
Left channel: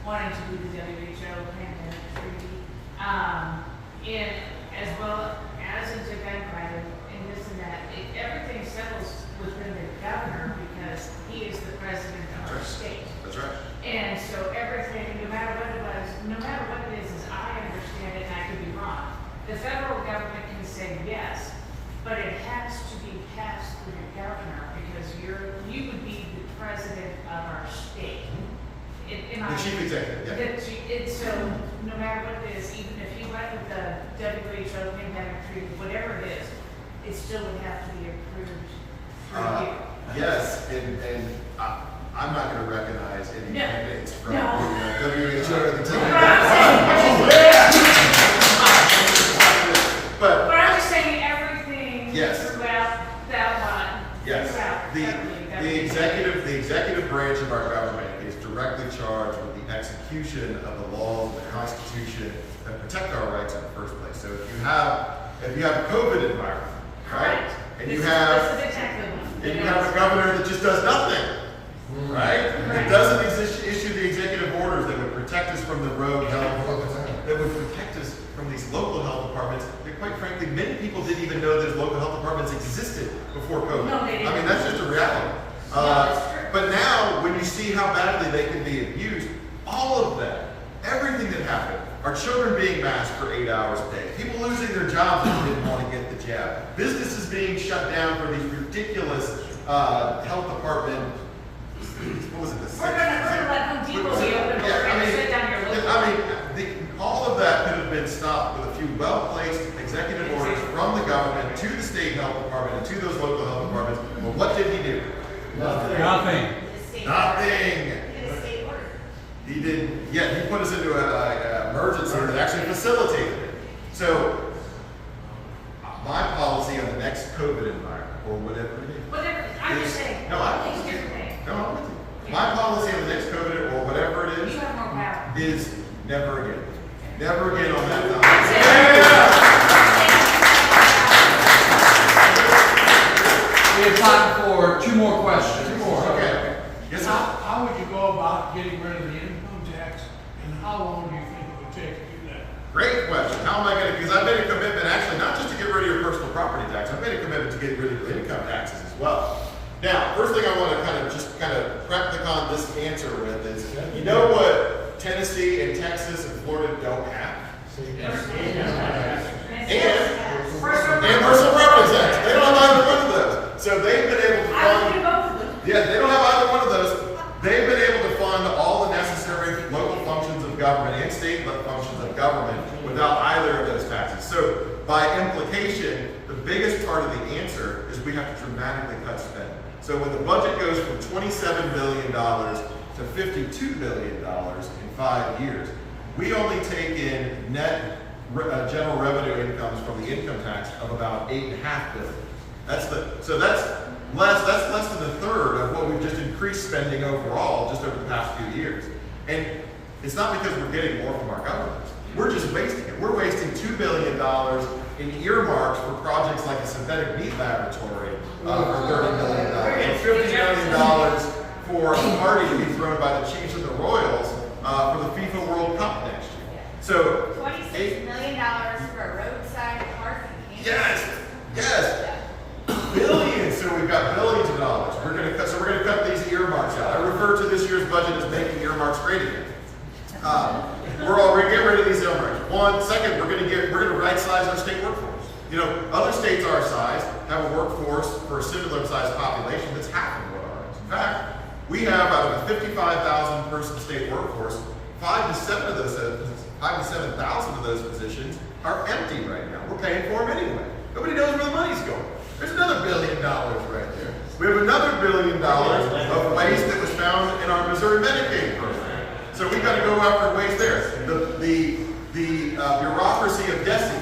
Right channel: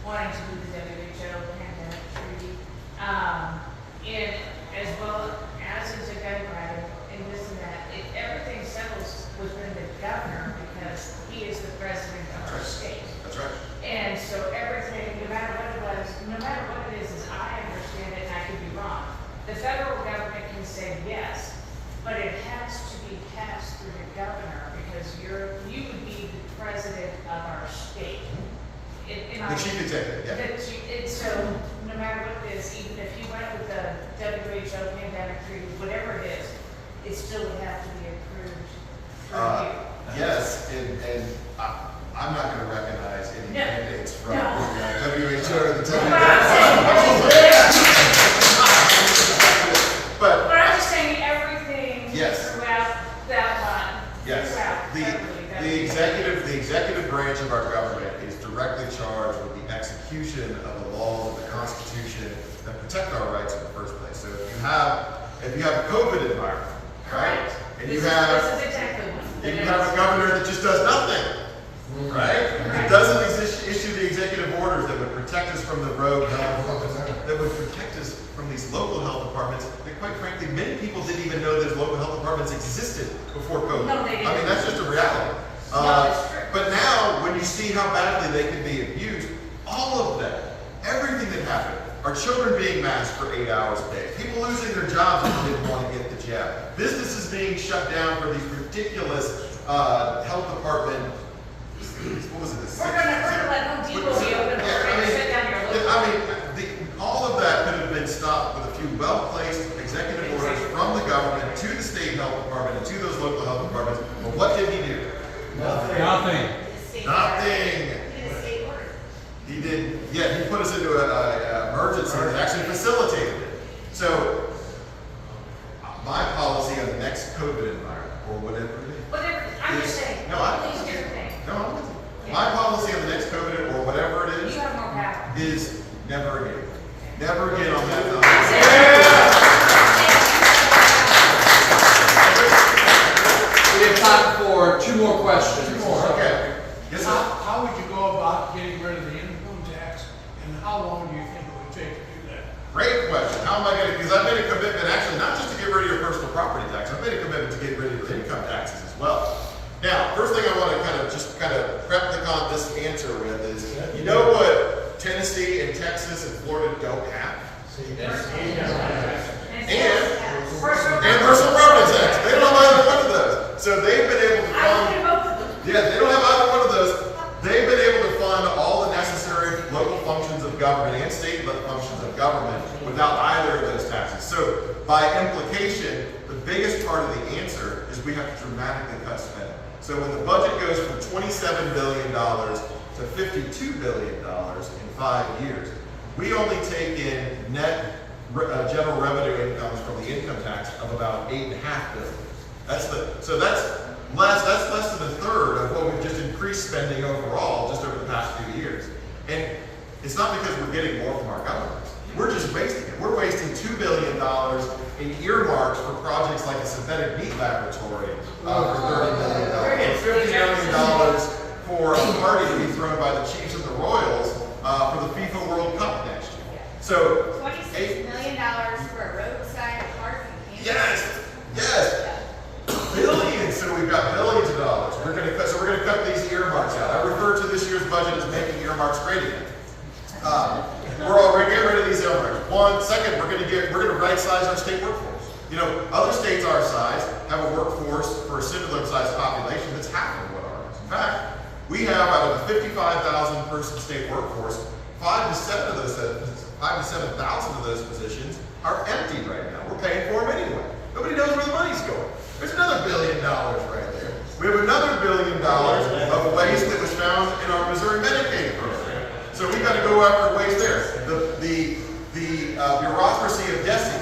Wanting to do the WHO pandemic treaty, and as well as into gun grabbing and this and that, everything settles within the governor because he is the president of our state. That's right. And so everything, no matter what it was, no matter what it is, as I understand it, and I could be wrong, the federal government can say yes, but it has to be passed through the governor because you would be the president of our state. The chief executive, yeah. So no matter what it is, even if you went with the WHO pandemic treaty, whatever it is, it still would have to be approved through you. Yes, and I'm not going to recognize any mandates from the WHO or the But I'm just saying everything throughout that one. Yes, the executive branch of our government is directly charged with the execution of the laws of the Constitution that protect our rights in the first place. So if you have a COVID environment, right, and you have a governor that just does nothing, right, that doesn't issue the executive orders that would protect us from the rogue health departments, that would protect us from these local health departments that, quite frankly, many people didn't even know those local health departments existed before COVID. No, they didn't. I mean, that's just a reality. But now, when you see how badly they can be abused, all of that, everything that happened, our children being masked for 8 hours a day, people losing their jobs if they didn't want to get the jab, businesses being shut down for these ridiculous health department. What was it? We're going to let Home Depot be open. We're going to sit down here. All of that could have been stopped with a few well-placed executive orders from the government to the state health department and to those local health departments. Well, what did he do? Nothing. Nothing. He did. Yeah, he put us into an emergency that actually facilitated it. So, my policy on the next COVID environment, or whatever it is. Whatever. I'm just saying. No, I'm with you. No, I'm with you. My policy on the next COVID, or whatever it is, You have more power. is never again. Never again on that topic. We have time for 2 more tax, and how long do you think it would take to do that? Great question. How am I going to, because I've made a commitment actually not just to get rid of your personal property tax, I've made a commitment to get rid of your income taxes as well. Now, first thing I want to kind of prep this answer with is, you know what Tennessee and Texas and Florida don't have? And personal property tax. They don't have either one of those. So they've been able to fund, yeah, they don't have either one of those. They've been able to fund all the necessary local functions of government and state functions of government without either of those taxes. So by implication, the biggest part of the answer is we have to dramatically cut spending. So when the budget goes from $27 billion to $52 billion in 5 years, we only take in net general revenue incomes from the income tax of about $8.5 billion. That's less than a third of what we've just increased spending overall just over the past few years. And it's not because we're getting more from our government. We're just wasting it. We're wasting $2 billion in earmarks for projects like a synthetic meat laboratory for $30 million, and $50 million for a party to be thrown by the Chiefs and the Royals for the FIFA World Cup next year. So $26 million for a roadside parking. yes. Billions. So we've got billions of dollars. We're going to cut these earmarks out. I refer to this year's budget as making earmarks great again. We're going to get rid of these earmarks. Second, we're going to right size our state workforce. You know, other states our size have a workforce for a similar sized population that's half of what ours. In fact, we have out of a 55,000 person state workforce, 5,000 to 7,000 of those positions are empty right now. We're paying for them anyway. Nobody knows where the money's going. There's another $1 billion right there. We have another $1 billion of waste that was found in our Missouri Medicaid program. So we've got to go after waste there. The bureaucracy of DESE,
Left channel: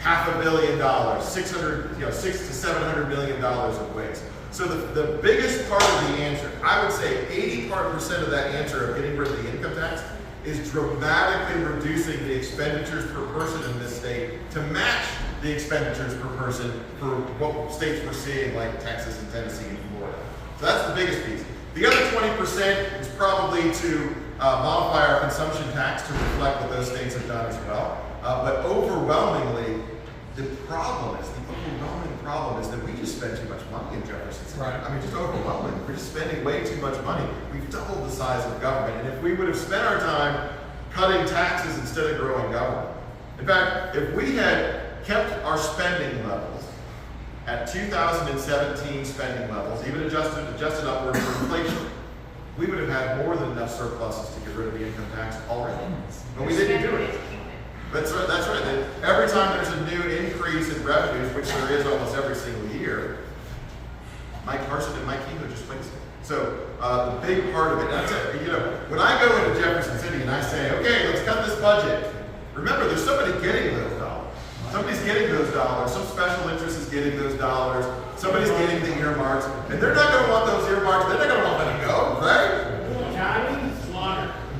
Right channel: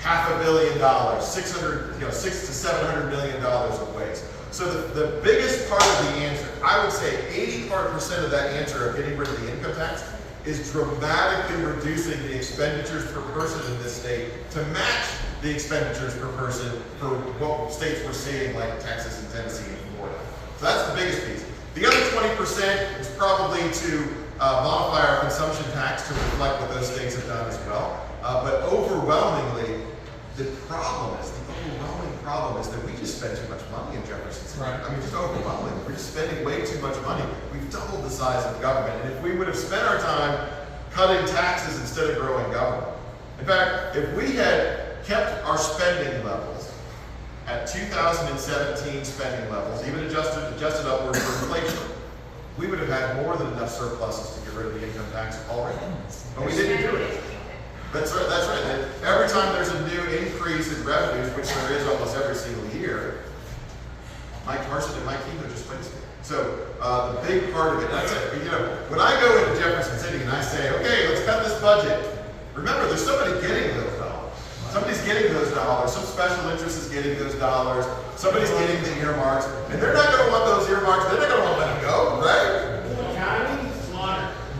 $500 million, $600 to $700 million of waste. So the biggest part of the answer, I would say 80% of that answer of getting rid of the income tax is dramatically reducing the expenditures per person in this state to match the expenditures per person for what states we're seeing like Texas and Tennessee and Florida. So that's the biggest piece. The other 20% is probably to modify our consumption tax to reflect what those states have done as well. But overwhelmingly, the overwhelming problem is that we just spend too much money in Jefferson City. Right. I mean, just overwhelming. We're just spending way too much money. We've doubled the size of government. And if we would have spent our time cutting taxes instead of growing government. In fact, if we had kept our spending levels at 2017 spending levels, even adjusted upward for inflation, we would have had more than enough surpluses to get rid of the income tax already. But we didn't do it. That's right. Every time there's a new increase in revenues, which there is almost every single year, Mike Carson and Mike Keeman just placed it. So the big part of it, that's it. You know, when I go into Jefferson City and I say, okay, let's cut this budget, remember there's somebody getting those dollars. Somebody's getting those dollars. Some special interest is getting those dollars. Somebody's getting the earmarks, and they're not going to want those earmarks. They're not going to want them to go, right?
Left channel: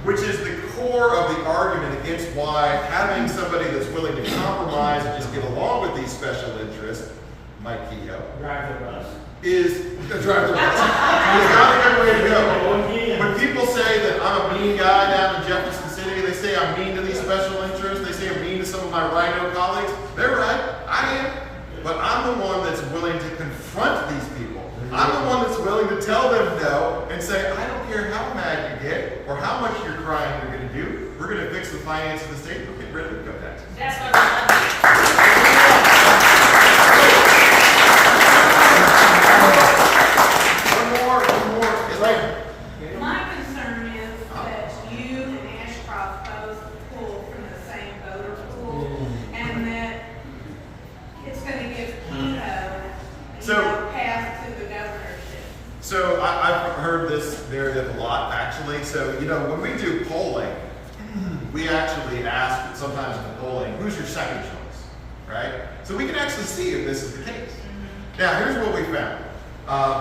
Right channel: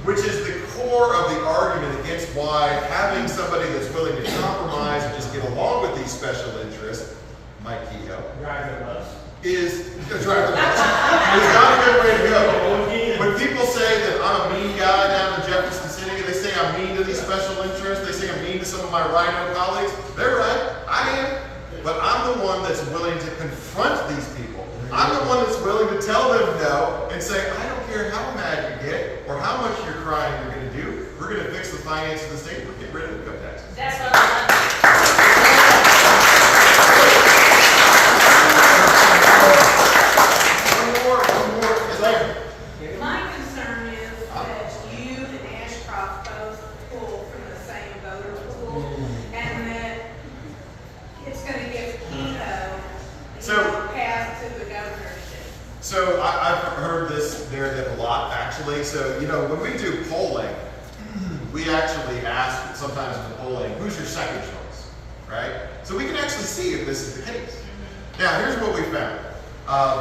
Which is the core of the argument against why having somebody that's willing to compromise and just get along with these special interests, Mike Kehoe, is drive the bus. It's not a good way to go. When people say that I'm a mean guy down in Jefferson City, they say I'm mean to these special interests, they say I'm mean to some of my rhino colleagues, they're right, I am. But I'm the one that's willing to confront these people. I'm the one that's willing to tell them no and say, I don't care how mad you get or how much you're crying you're going to do. We're going to fix the finance of the state. We're going to get rid of income taxes. That's what I One more. Is like, My concern is that you and Ashcroft both pull from the same voter pool, and that it's gonna give Kehoe no path to the governorship. So I've heard this narrative a lot, actually. So, you know, when we do polling, we actually ask sometimes in the polling, who's your second choice, right? So we can actually see if this is the case. Now, here's what we found.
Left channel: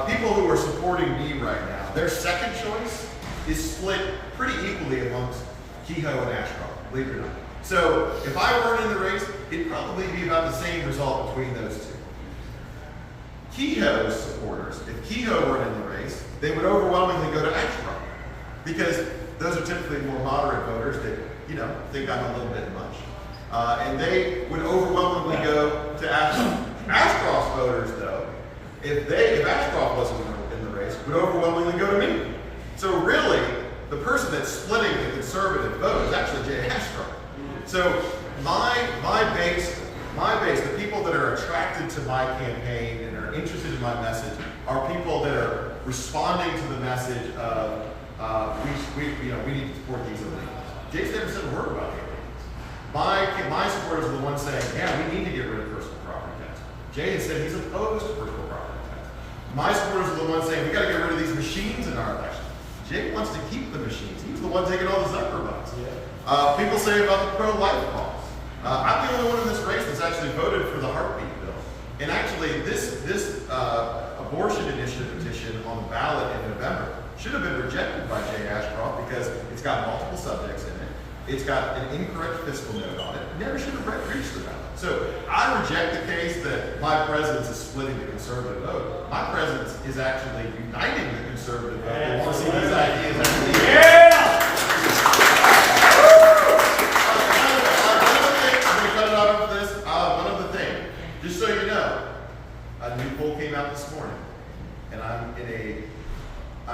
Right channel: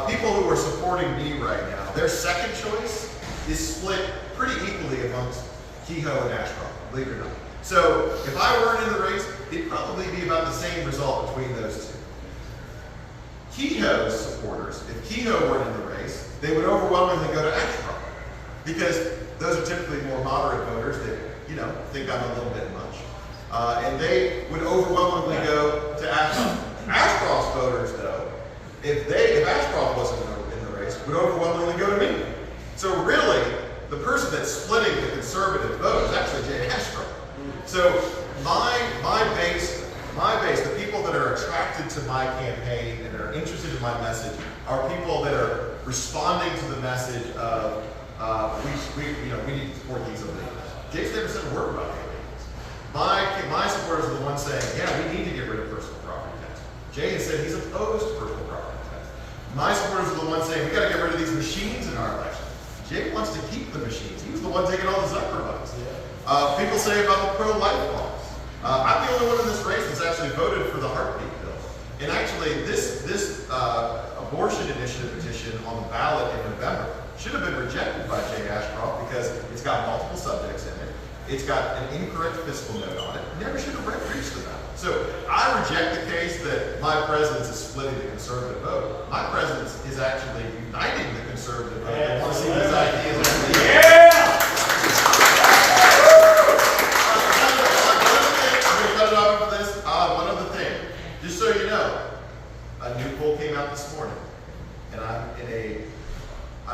People who are supporting me right now, their second choice is split pretty equally amongst Kehoe and Ashcroft, believe it or not. So if I weren't in the race, it'd probably be about the same result between those two. Kehoe's supporters, if Kehoe weren't in the race, they would overwhelmingly go to Ashcroft. Because those are typically more moderate voters that, you know, think I'm a little bit much. And they would overwhelmingly go to Ashcroft. Ashcroft's voters, though, if Ashcroft wasn't in the race, would overwhelmingly go to me. So really, the person that's splitting the conservative vote is actually Jay Ashcroft. So my base, the people that are attracted to my campaign and are interested in my message, are people that are responding to the message of we need to support these illegals. Jay's never said a word about it. My supporters are the ones saying, yeah, we need to get rid of personal property tax. Jay has said he's opposed to personal property tax. My supporters are the ones saying, we got to get rid of these machines in our election. Jay wants to keep the machines. He was the one taking all the Zucker votes. People say about the pro-life laws. I'm the only one in this race that's actually voted for the heartbeat bill. And actually, this abortion initiative petition on the ballot in November should have been rejected by Jay Ashcroft because it's got multiple subjects in it. It's got an incorrect fiscal note on it. It never should have reached the ballot. So I reject the case that my presence is splitting the conservative vote. My presence is actually uniting the conservative vote. They want to see these ideas. One other thing, just so you know, a new poll came out this morning, and I'm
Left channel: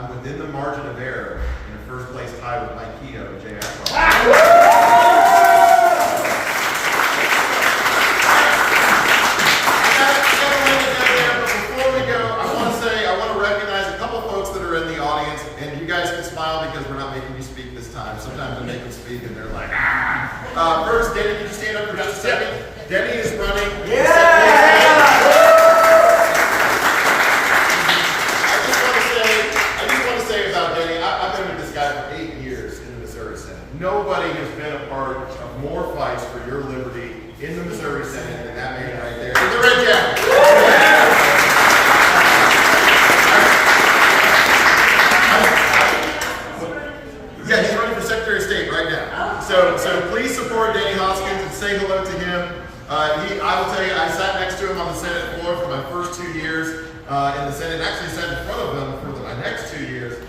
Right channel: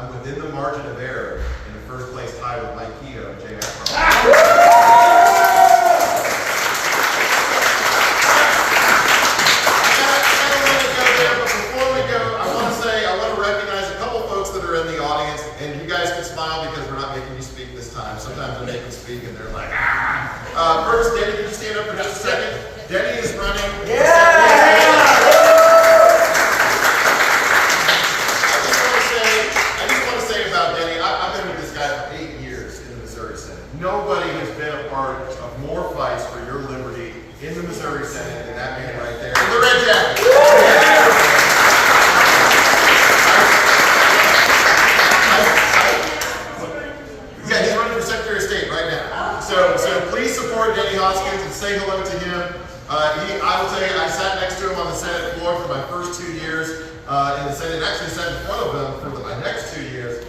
within the margin of error in the first place tie with Mike Keogh and Jay Ashcroft. Before we go, I want to recognize a couple folks that are in the audience, and you guys can smile because we're not making you speak this time. Sometimes we make them speak and they're like, ah. First, Denny, can you stand up for just a second? Denny is running. Nobody has been a part of more fights for your liberty in the Missouri Senate than that man right there in the red jacket. Yeah, he's running for Secretary of State right now. So please support Danny Hoskins and say hello to him. I will tell you, I sat next to him on the Senate floor for my first 2 years in the Senate, and actually sat in front of him for my next 2 years.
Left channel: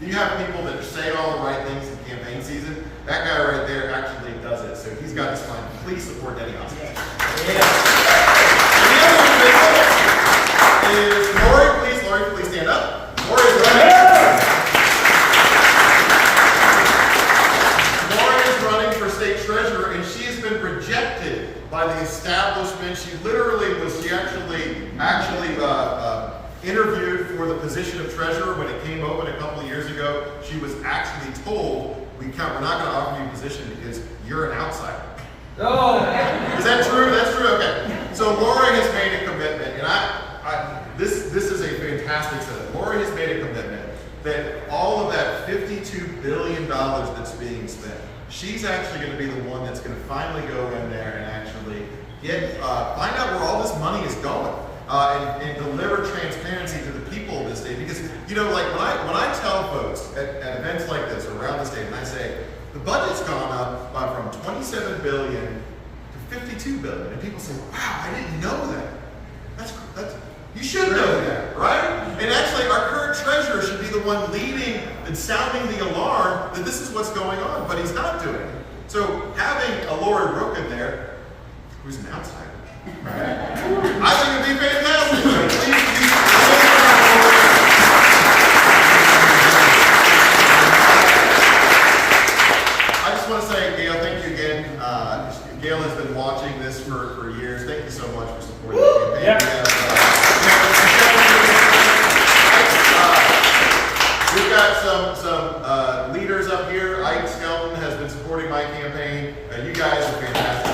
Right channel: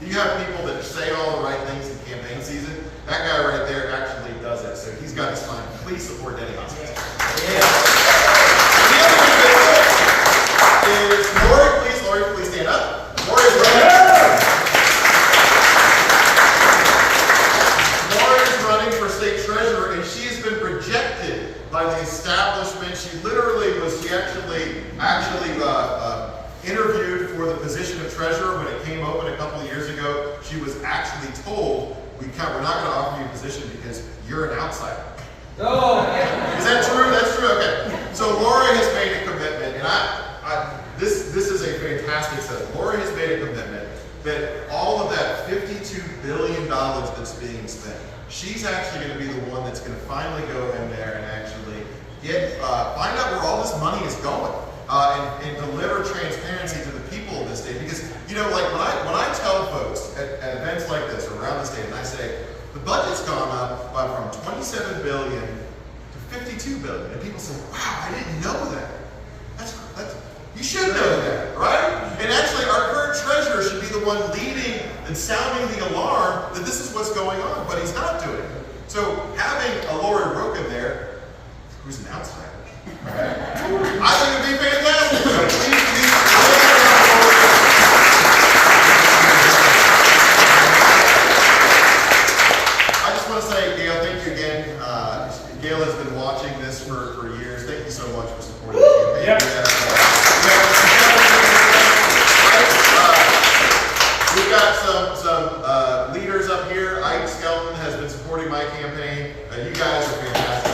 You have people that say all the right things in campaign season. That guy right there actually does it. So he's got his fine. Please support Denny Hoskins. Yeah. The other is Lori, please stand up. Lori is running for state treasurer, and she has been rejected by the establishment. She actually interviewed for the position of treasurer when it came open a couple of years ago. She was actually told, we're not going to offer you a position because you're an outsider. Oh. Is that true? That's true? Okay. So Lori has made a commitment, and this is a fantastic setup. Lori has made a commitment that all of that $52 billion that's being spent, she's actually going to be the one that's going to finally go in there and actually find out where all this money is going. And deliver transparency to the people of this state. Because, you know, like when I tell folks at events like this around the state, and I say, the budget's gone up from $27 billion to $52 billion. And people say, wow, I didn't know that. That's you should know that, right? And actually, our current treasurer should be the one leading and sounding the alarm that this is what's going on, but he's not doing it. So having a Lori Roken there, who's an outsider, I think it'd be fantastic. So please. I just want to say, Gail, thank you again. Gail has been watching this for years. Thank you so much for supporting the campaign. We've got some leaders up here. Ike Skelton has been supporting my campaign. You guys are fantastic.